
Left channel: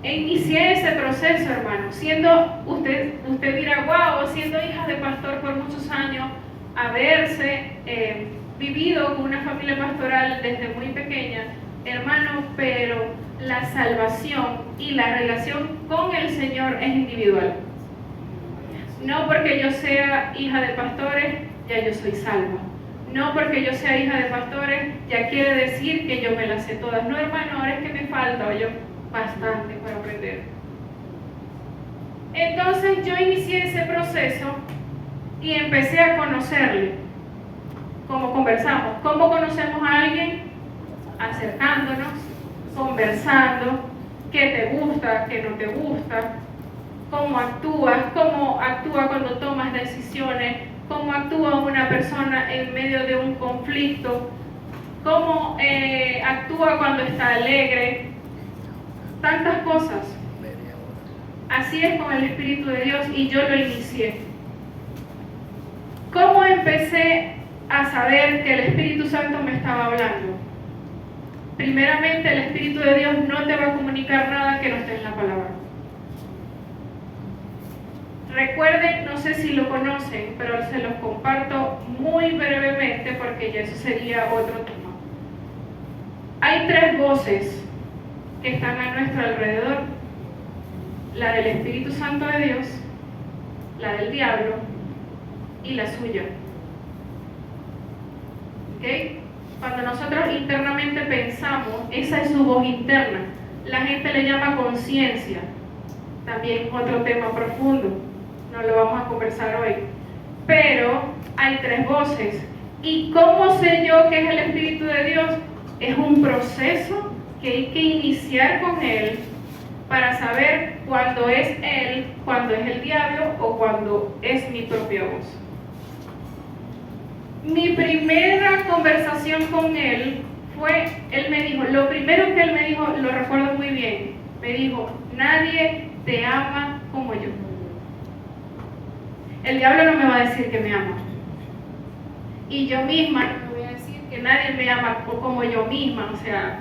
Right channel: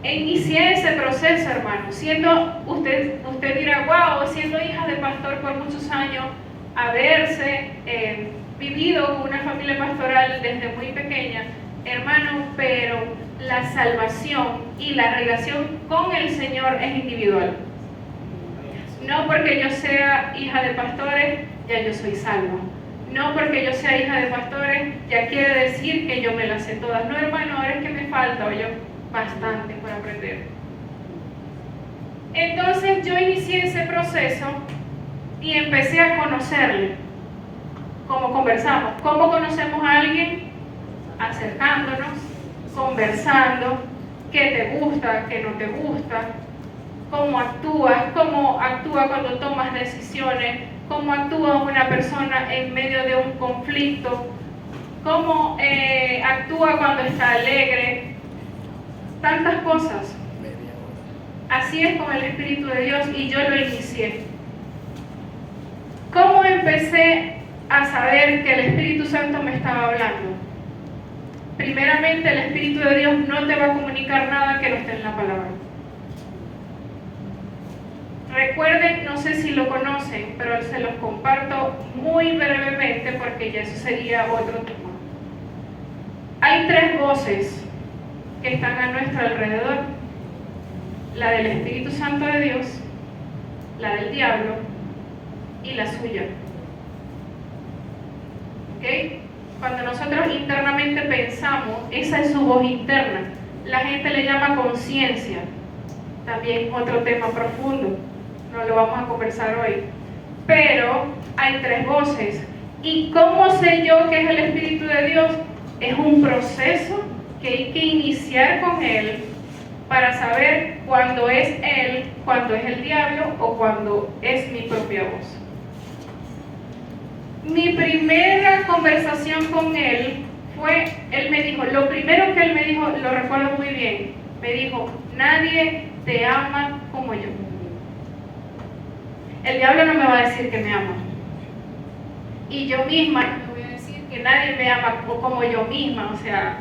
Inicié ese proceso, hermano, siendo, usted dirá: wow, siendo hija de pastor por muchos años, haberse vivido con una familia pastoral desde muy pequeña, hermano, pero la salvación y la relación con el Señor es individual. No porque yo sea hija de pastores, ya yo soy salva. No porque yo sea hija de pastores, ya quiere decir que yo me las sé todas. No, hermano, ahora es que me falta, oye, bastante por aprender. Entonces yo inicié ese proceso y empecé a conocerle. Como conversamos. ¿Cómo conocemos a alguien? Acercándonos, conversando, qué te gusta, qué no te gusta, cómo actúa cuando tomas decisiones, cómo actúa una persona en medio de un conflicto, cómo actúa cuando está alegre, tantas cosas. Así es con el Espíritu de Dios y yo lo inicié. ¿Cómo empecé a saber que el Espíritu Santo me estaba hablando? Primeramente, el Espíritu de Dios no te va a comunicar nada que no esté en la palabra. Recuerden, no sé si lo conocen, pero se los comparto muy brevemente porque ya eso sería otro tema. Hay 3 voces que están a nuestro alrededor: la del Espíritu Santo de Dios, la del diablo y la suya. ¿Ok? Cuando nosotros internamente pensamos, esa es su voz interna. La gente le llama conciencia. También otro tema profundo. No lo vamos a conversar hoy. Pero hay 3 voces. ¿Y cómo sé yo que es el Espíritu de Dios? Es un proceso que hay que iniciar con Él para saber cuándo es Él, cuándo es el diablo o cuándo es mi propia voz. Mi primera conversación con Él fue, Él me dijo, lo primero que Él me dijo, lo recuerdo muy bien, me dijo, nadie te ama como yo. El diablo no me va a decir que me ama. Y yo misma no me voy a decir que nadie me ama como yo misma, o sea,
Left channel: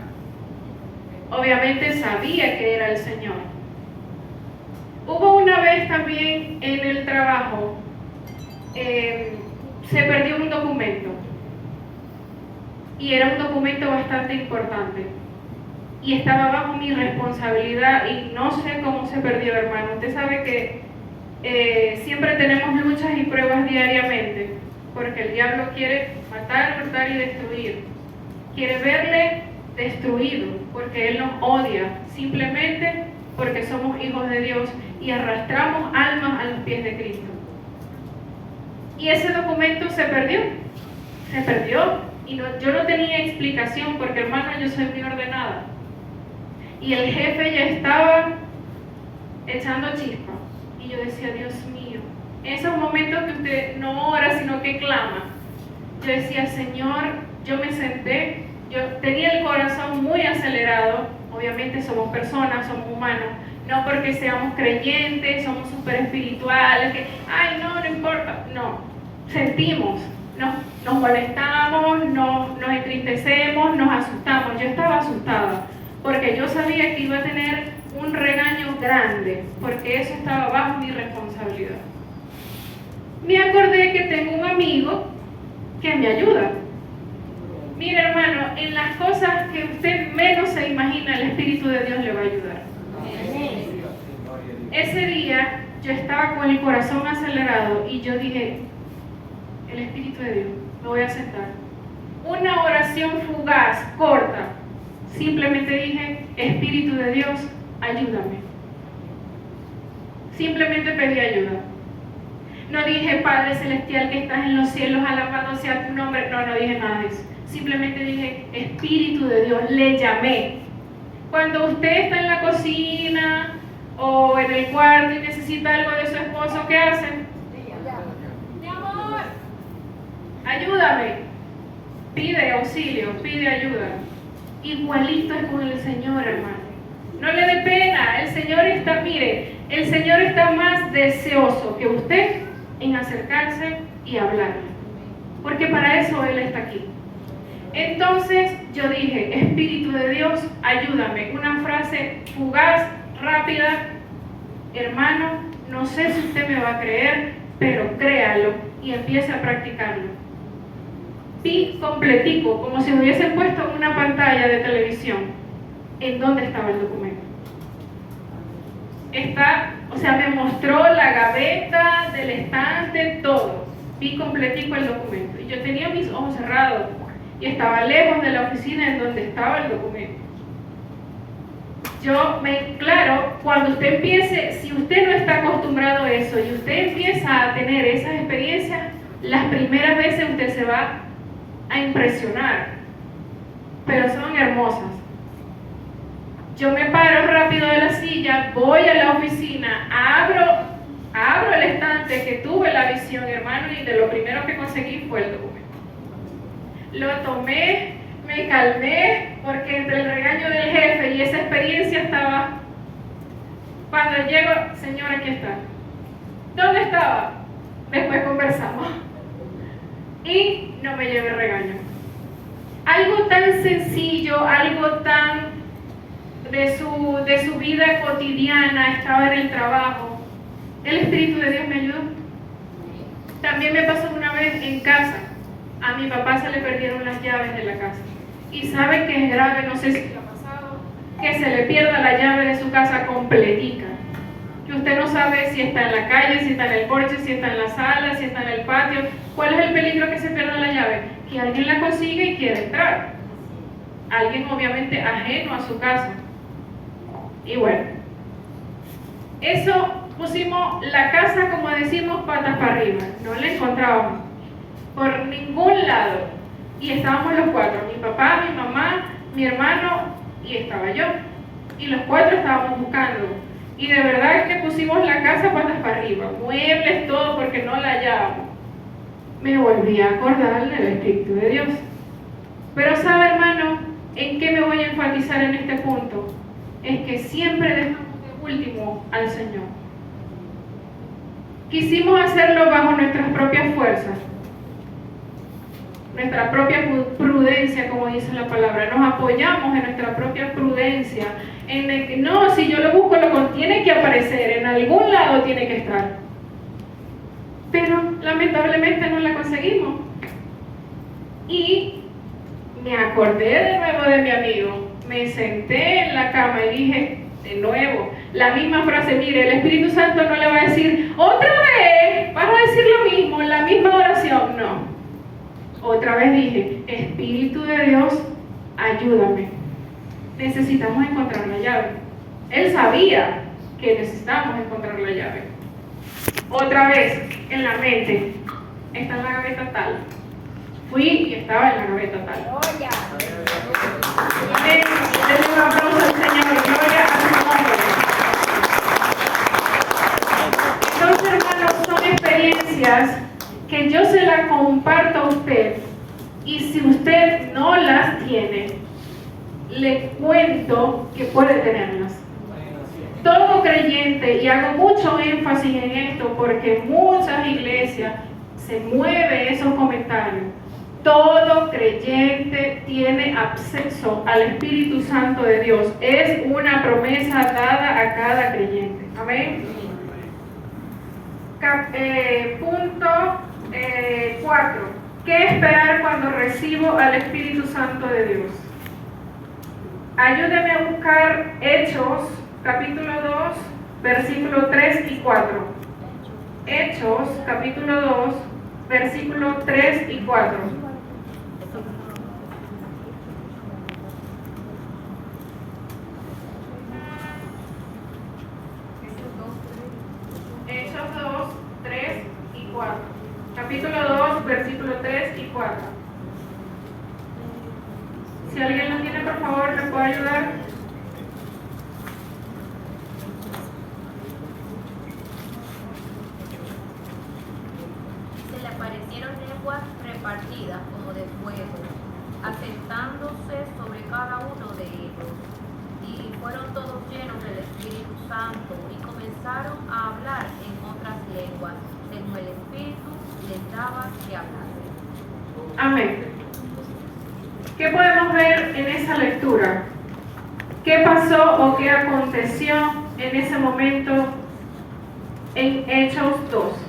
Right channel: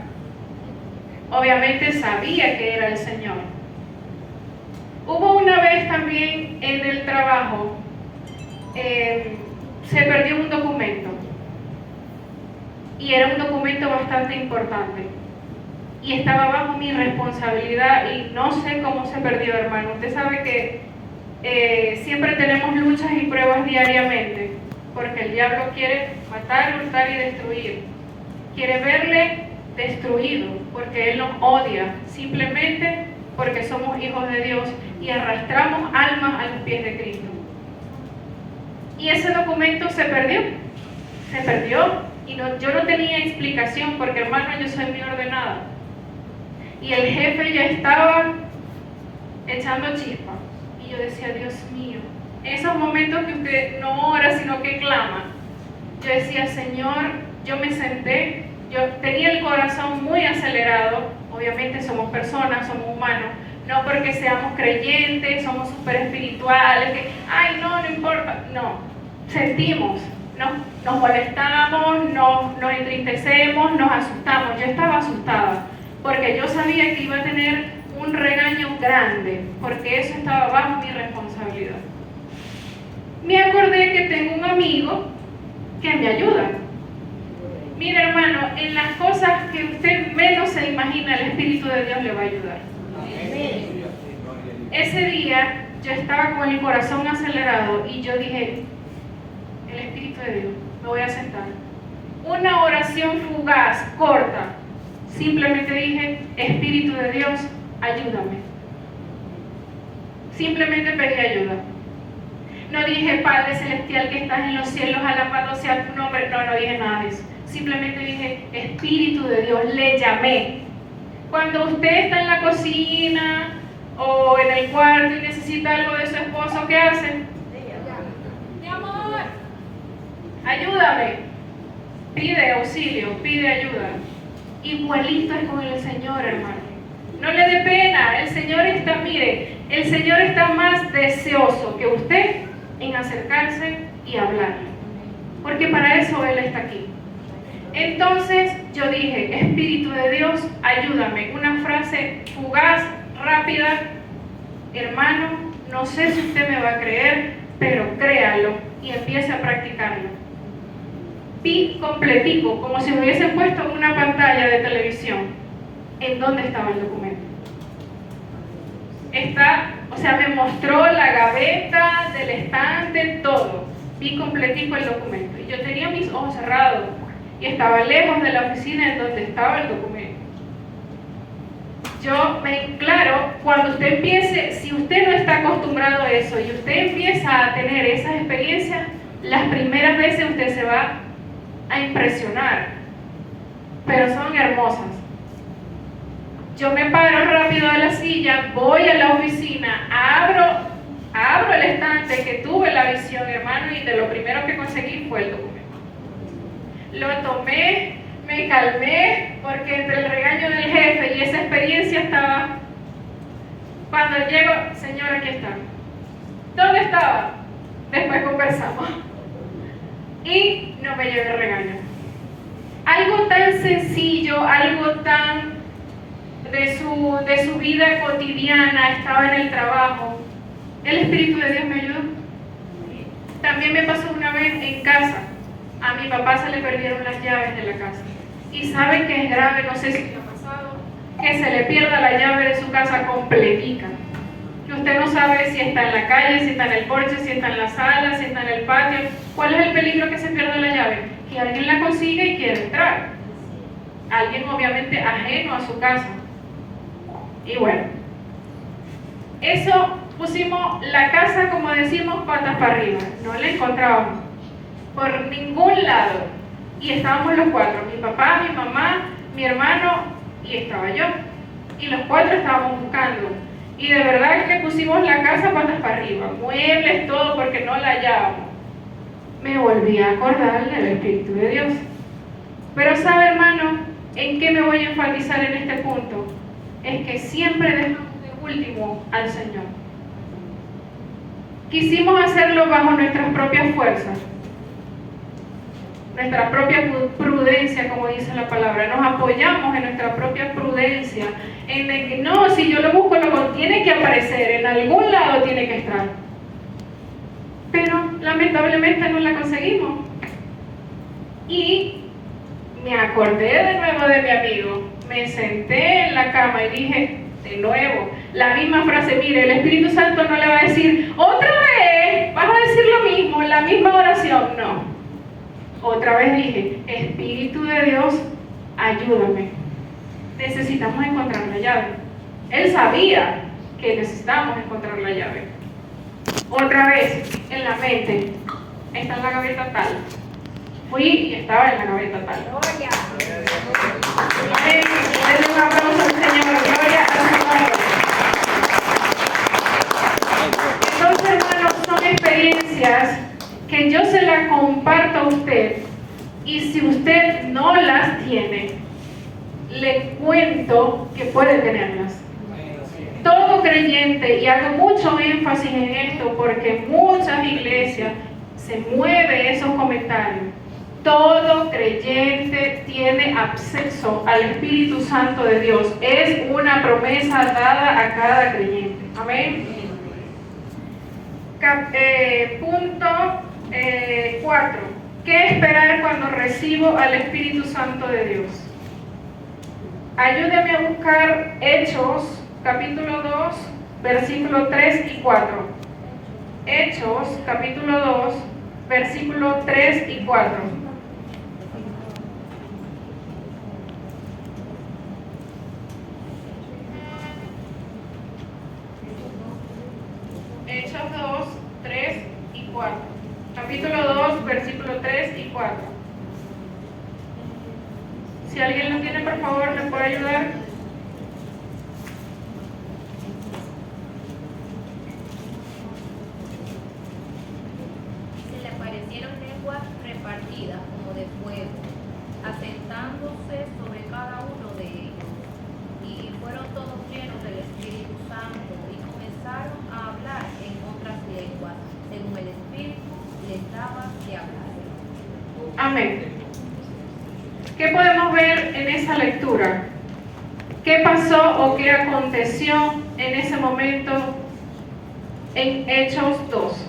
obviamente sabía que era el Señor. Hubo una vez también en el trabajo, se perdió un documento y era un documento bastante importante y estaba bajo mi responsabilidad y no sé cómo se perdió, hermano. Usted sabe que siempre tenemos luchas y pruebas diariamente porque el diablo quiere matar, hurtar y destruir, quiere verle destruido porque él nos odia simplemente porque somos hijos de Dios y arrastramos almas a los pies de Cristo. Y ese documento se perdió y yo no tenía explicación porque, hermano, yo soy muy ordenada y el jefe ya estaba echando chispa y yo decía, Dios mío, esos momentos que usted no ora sino que clama, yo decía, Señor, yo me senté, yo tenía el corazón muy acelerado, obviamente somos personas, somos humanos, no porque seamos creyentes, somos súper espirituales, que, ay, no importa, no. Sentimos, nos molestamos, nos entristecemos, nos asustamos. Yo estaba asustada porque yo sabía que iba a tener un regaño grande porque eso estaba bajo mi responsabilidad. Me acordé que tengo un amigo que me ayuda. Mire, hermano, en las cosas que usted menos se imagina, el Espíritu de Dios le va a ayudar. Ese día yo estaba con el corazón acelerado y yo dije, el Espíritu de Dios, me voy a sentar. Una oración fugaz, corta. Simplemente dije, Espíritu de Dios, ayúdame. Simplemente pedí ayuda. No dije, Padre Celestial que estás en los cielos, alabado sea tu nombre. No dije nada de eso. Simplemente dije, Espíritu de Dios, le llamé. Cuando usted está en la cocina o en el cuarto y necesita algo de su esposo, ¿qué hace? Mi amor, ayúdame. Pide auxilio, pide ayuda. Igualito es con el Señor, hermano. No le dé pena, el Señor está, mire, el Señor está más deseoso que usted en acercarse y hablarle. Porque para eso Él está aquí. Entonces yo dije, Espíritu de Dios, ayúdame. Una frase fugaz, rápida. Hermano, no sé si usted me va a creer, pero créalo y empiece a practicarlo. Vi completico, como si me hubiesen puesto en una pantalla de televisión, en dónde estaba el documento. Me mostró la gaveta del estante, todo. Vi completico el documento. Y yo tenía mis ojos cerrados y estaba lejos de la oficina en donde estaba el documento. Claro, cuando usted empiece, si usted no está acostumbrado a eso y usted empieza a tener esas experiencias, las primeras veces usted se va a impresionar, pero son hermosas. Yo me paro rápido de la silla, voy a la oficina, abro el estante que tuve la visión, hermano, y de lo primero que conseguí fue el documento. Lo tomé, me calmé, porque entre el regaño del jefe y esa experiencia estaba. Cuando llego, señor, aquí está. ¿Dónde estaba? Después conversamos. Y no me llevé regaño. Algo tan sencillo, algo tan de su vida cotidiana, estaba en el trabajo. El Espíritu de Dios me ayudó. También me pasó una vez en casa. A mi papá se le perdieron las llaves de la casa. Y saben que es grave, no sé si le ha pasado, que se le pierda la llave de su casa completica. Que Usted no sabe si está en la calle, si está en el porche, si está en la sala, si está en el patio. ¿Cuál es el peligro que se pierda la llave? Que alguien la consigue y quiere entrar. Alguien obviamente ajeno a su casa. Y bueno, eso pusimos la casa, como decimos, patas para arriba. No la encontrábamos por ningún lado. Y estábamos los cuatro, mi papá, mi mamá, mi hermano y estaba yo. Y los cuatro estábamos buscando. Y de verdad que pusimos la casa patas para arriba, muebles, todo, porque no la hallábamos. Me volví a acordar del Espíritu de Dios. Pero sabe, hermano, ¿en qué me voy a enfatizar en este punto? Es que siempre dejamos de último al Señor. Quisimos hacerlo bajo nuestras propias fuerzas, nuestra propia prudencia, como dice la palabra. Nos apoyamos en nuestra propia prudencia, en el que no, si yo lo busco, tiene que aparecer, en algún lado tiene que estar. Pero lamentablemente no la conseguimos. Y me acordé de nuevo de mi amigo, me senté en la cama y dije, de nuevo, la misma frase, mire, el Espíritu Santo no le va a decir, otra vez, vas a decir lo mismo, en la misma oración, no. Otra vez dije, Espíritu de Dios, ayúdame. Necesitamos encontrar la llave. Él sabía que necesitábamos encontrar la llave. Otra vez, en la mente, está en la gaveta tal. Fui y estaba en la gaveta tal. Amén. Denle un aplauso al Señor. Gloria a su nombre. Entonces, hermanos, son experiencias que yo se las comparto a usted, y si usted no las tiene, le cuento que puede tenerlas. Todo creyente, y hago mucho énfasis en esto porque muchas iglesias se mueven esos comentarios, todo creyente tiene acceso al Espíritu Santo de Dios. Es una promesa dada a cada creyente. Amén. Punto 4. ¿Qué esperar cuando recibo al Espíritu Santo de Dios? Ayúdeme a buscar Hechos, capítulo 2, versículos 3 y 4. Hechos, capítulo 2, versículos 3 y 4. Hechos 2, 3 y 4. Capítulo 2, versículo 3 y 4. Si alguien lo tiene, por favor, ¿me puede ayudar? Se le aparecieron lenguas repartidas como de fuego, asentándose sobre cada uno de ellos. Y fueron todos llenos del Espíritu Santo y comenzaron a hablar en otras lenguas, según el Espíritu les daba que hablasen. Amén. ¿Qué podemos ver en esa lectura? ¿Qué pasó o qué aconteció en ese momento en Hechos 2?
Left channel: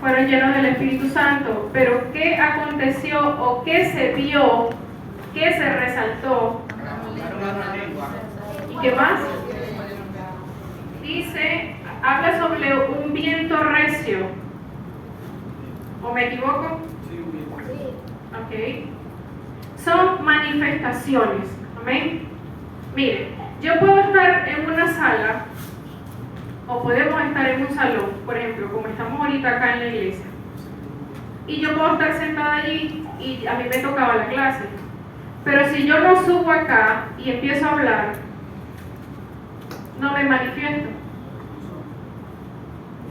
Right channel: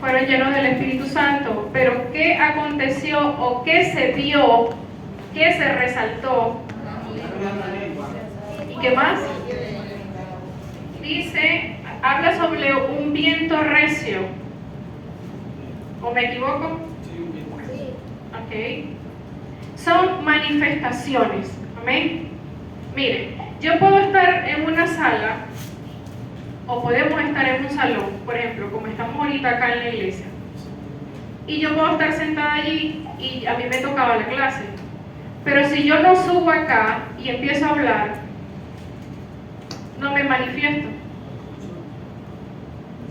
Fueron llenos del Espíritu Santo, pero ¿qué aconteció o qué se vio, qué se resaltó? ¿Y qué más? Dice, habla sobre un viento recio. ¿O me equivoco? Ok. Son manifestaciones. Amén. Mire, yo puedo estar en una sala, o podemos estar en un salón, por ejemplo, como estamos ahorita acá en la iglesia, y yo puedo estar sentada allí y a mí me tocaba la clase, pero si yo no subo acá y empiezo a hablar, no me manifiesto.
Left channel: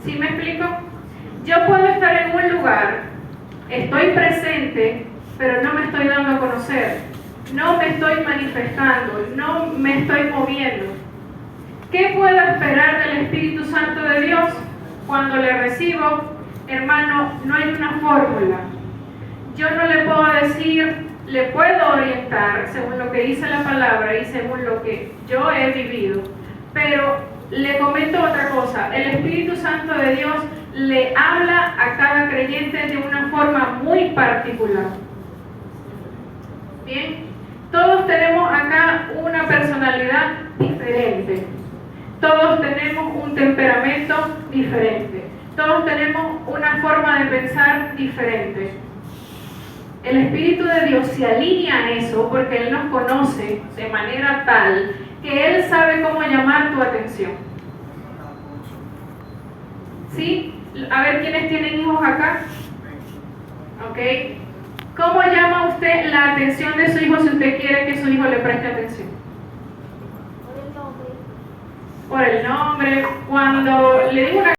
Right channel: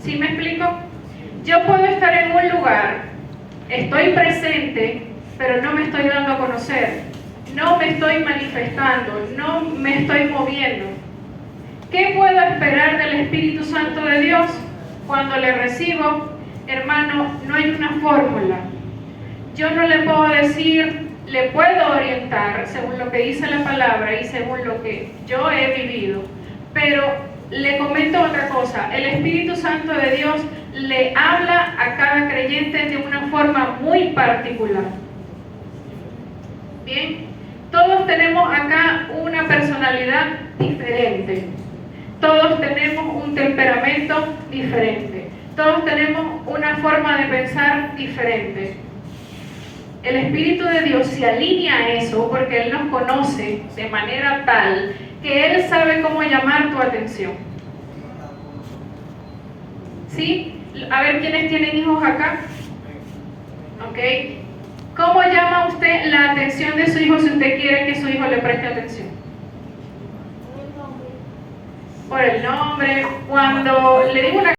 ¿Sí me explico? Yo puedo estar en un lugar, estoy presente, pero no me estoy dando a conocer, no me estoy manifestando, no me estoy moviendo. ¿Qué puedo esperar del Espíritu Santo de Dios? Cuando le recibo, hermano, no hay una fórmula. Yo no le puedo decir, le puedo orientar según lo que dice la palabra y según lo que yo he vivido, pero le comento otra cosa. El Espíritu Santo de Dios le habla a cada creyente de una forma muy particular. Bien, todos tenemos acá una personalidad diferente. Todos tenemos un temperamento diferente. Todos tenemos una forma de pensar diferente. El Espíritu de Dios se alinea a eso porque Él nos conoce de manera tal que Él sabe cómo llamar tu atención. ¿Sí? A ver, ¿quiénes tienen hijos acá? ¿Ok? ¿Cómo llama usted la atención de su hijo si usted quiere que su hijo le preste atención? Por el nombre. Cuando le digo una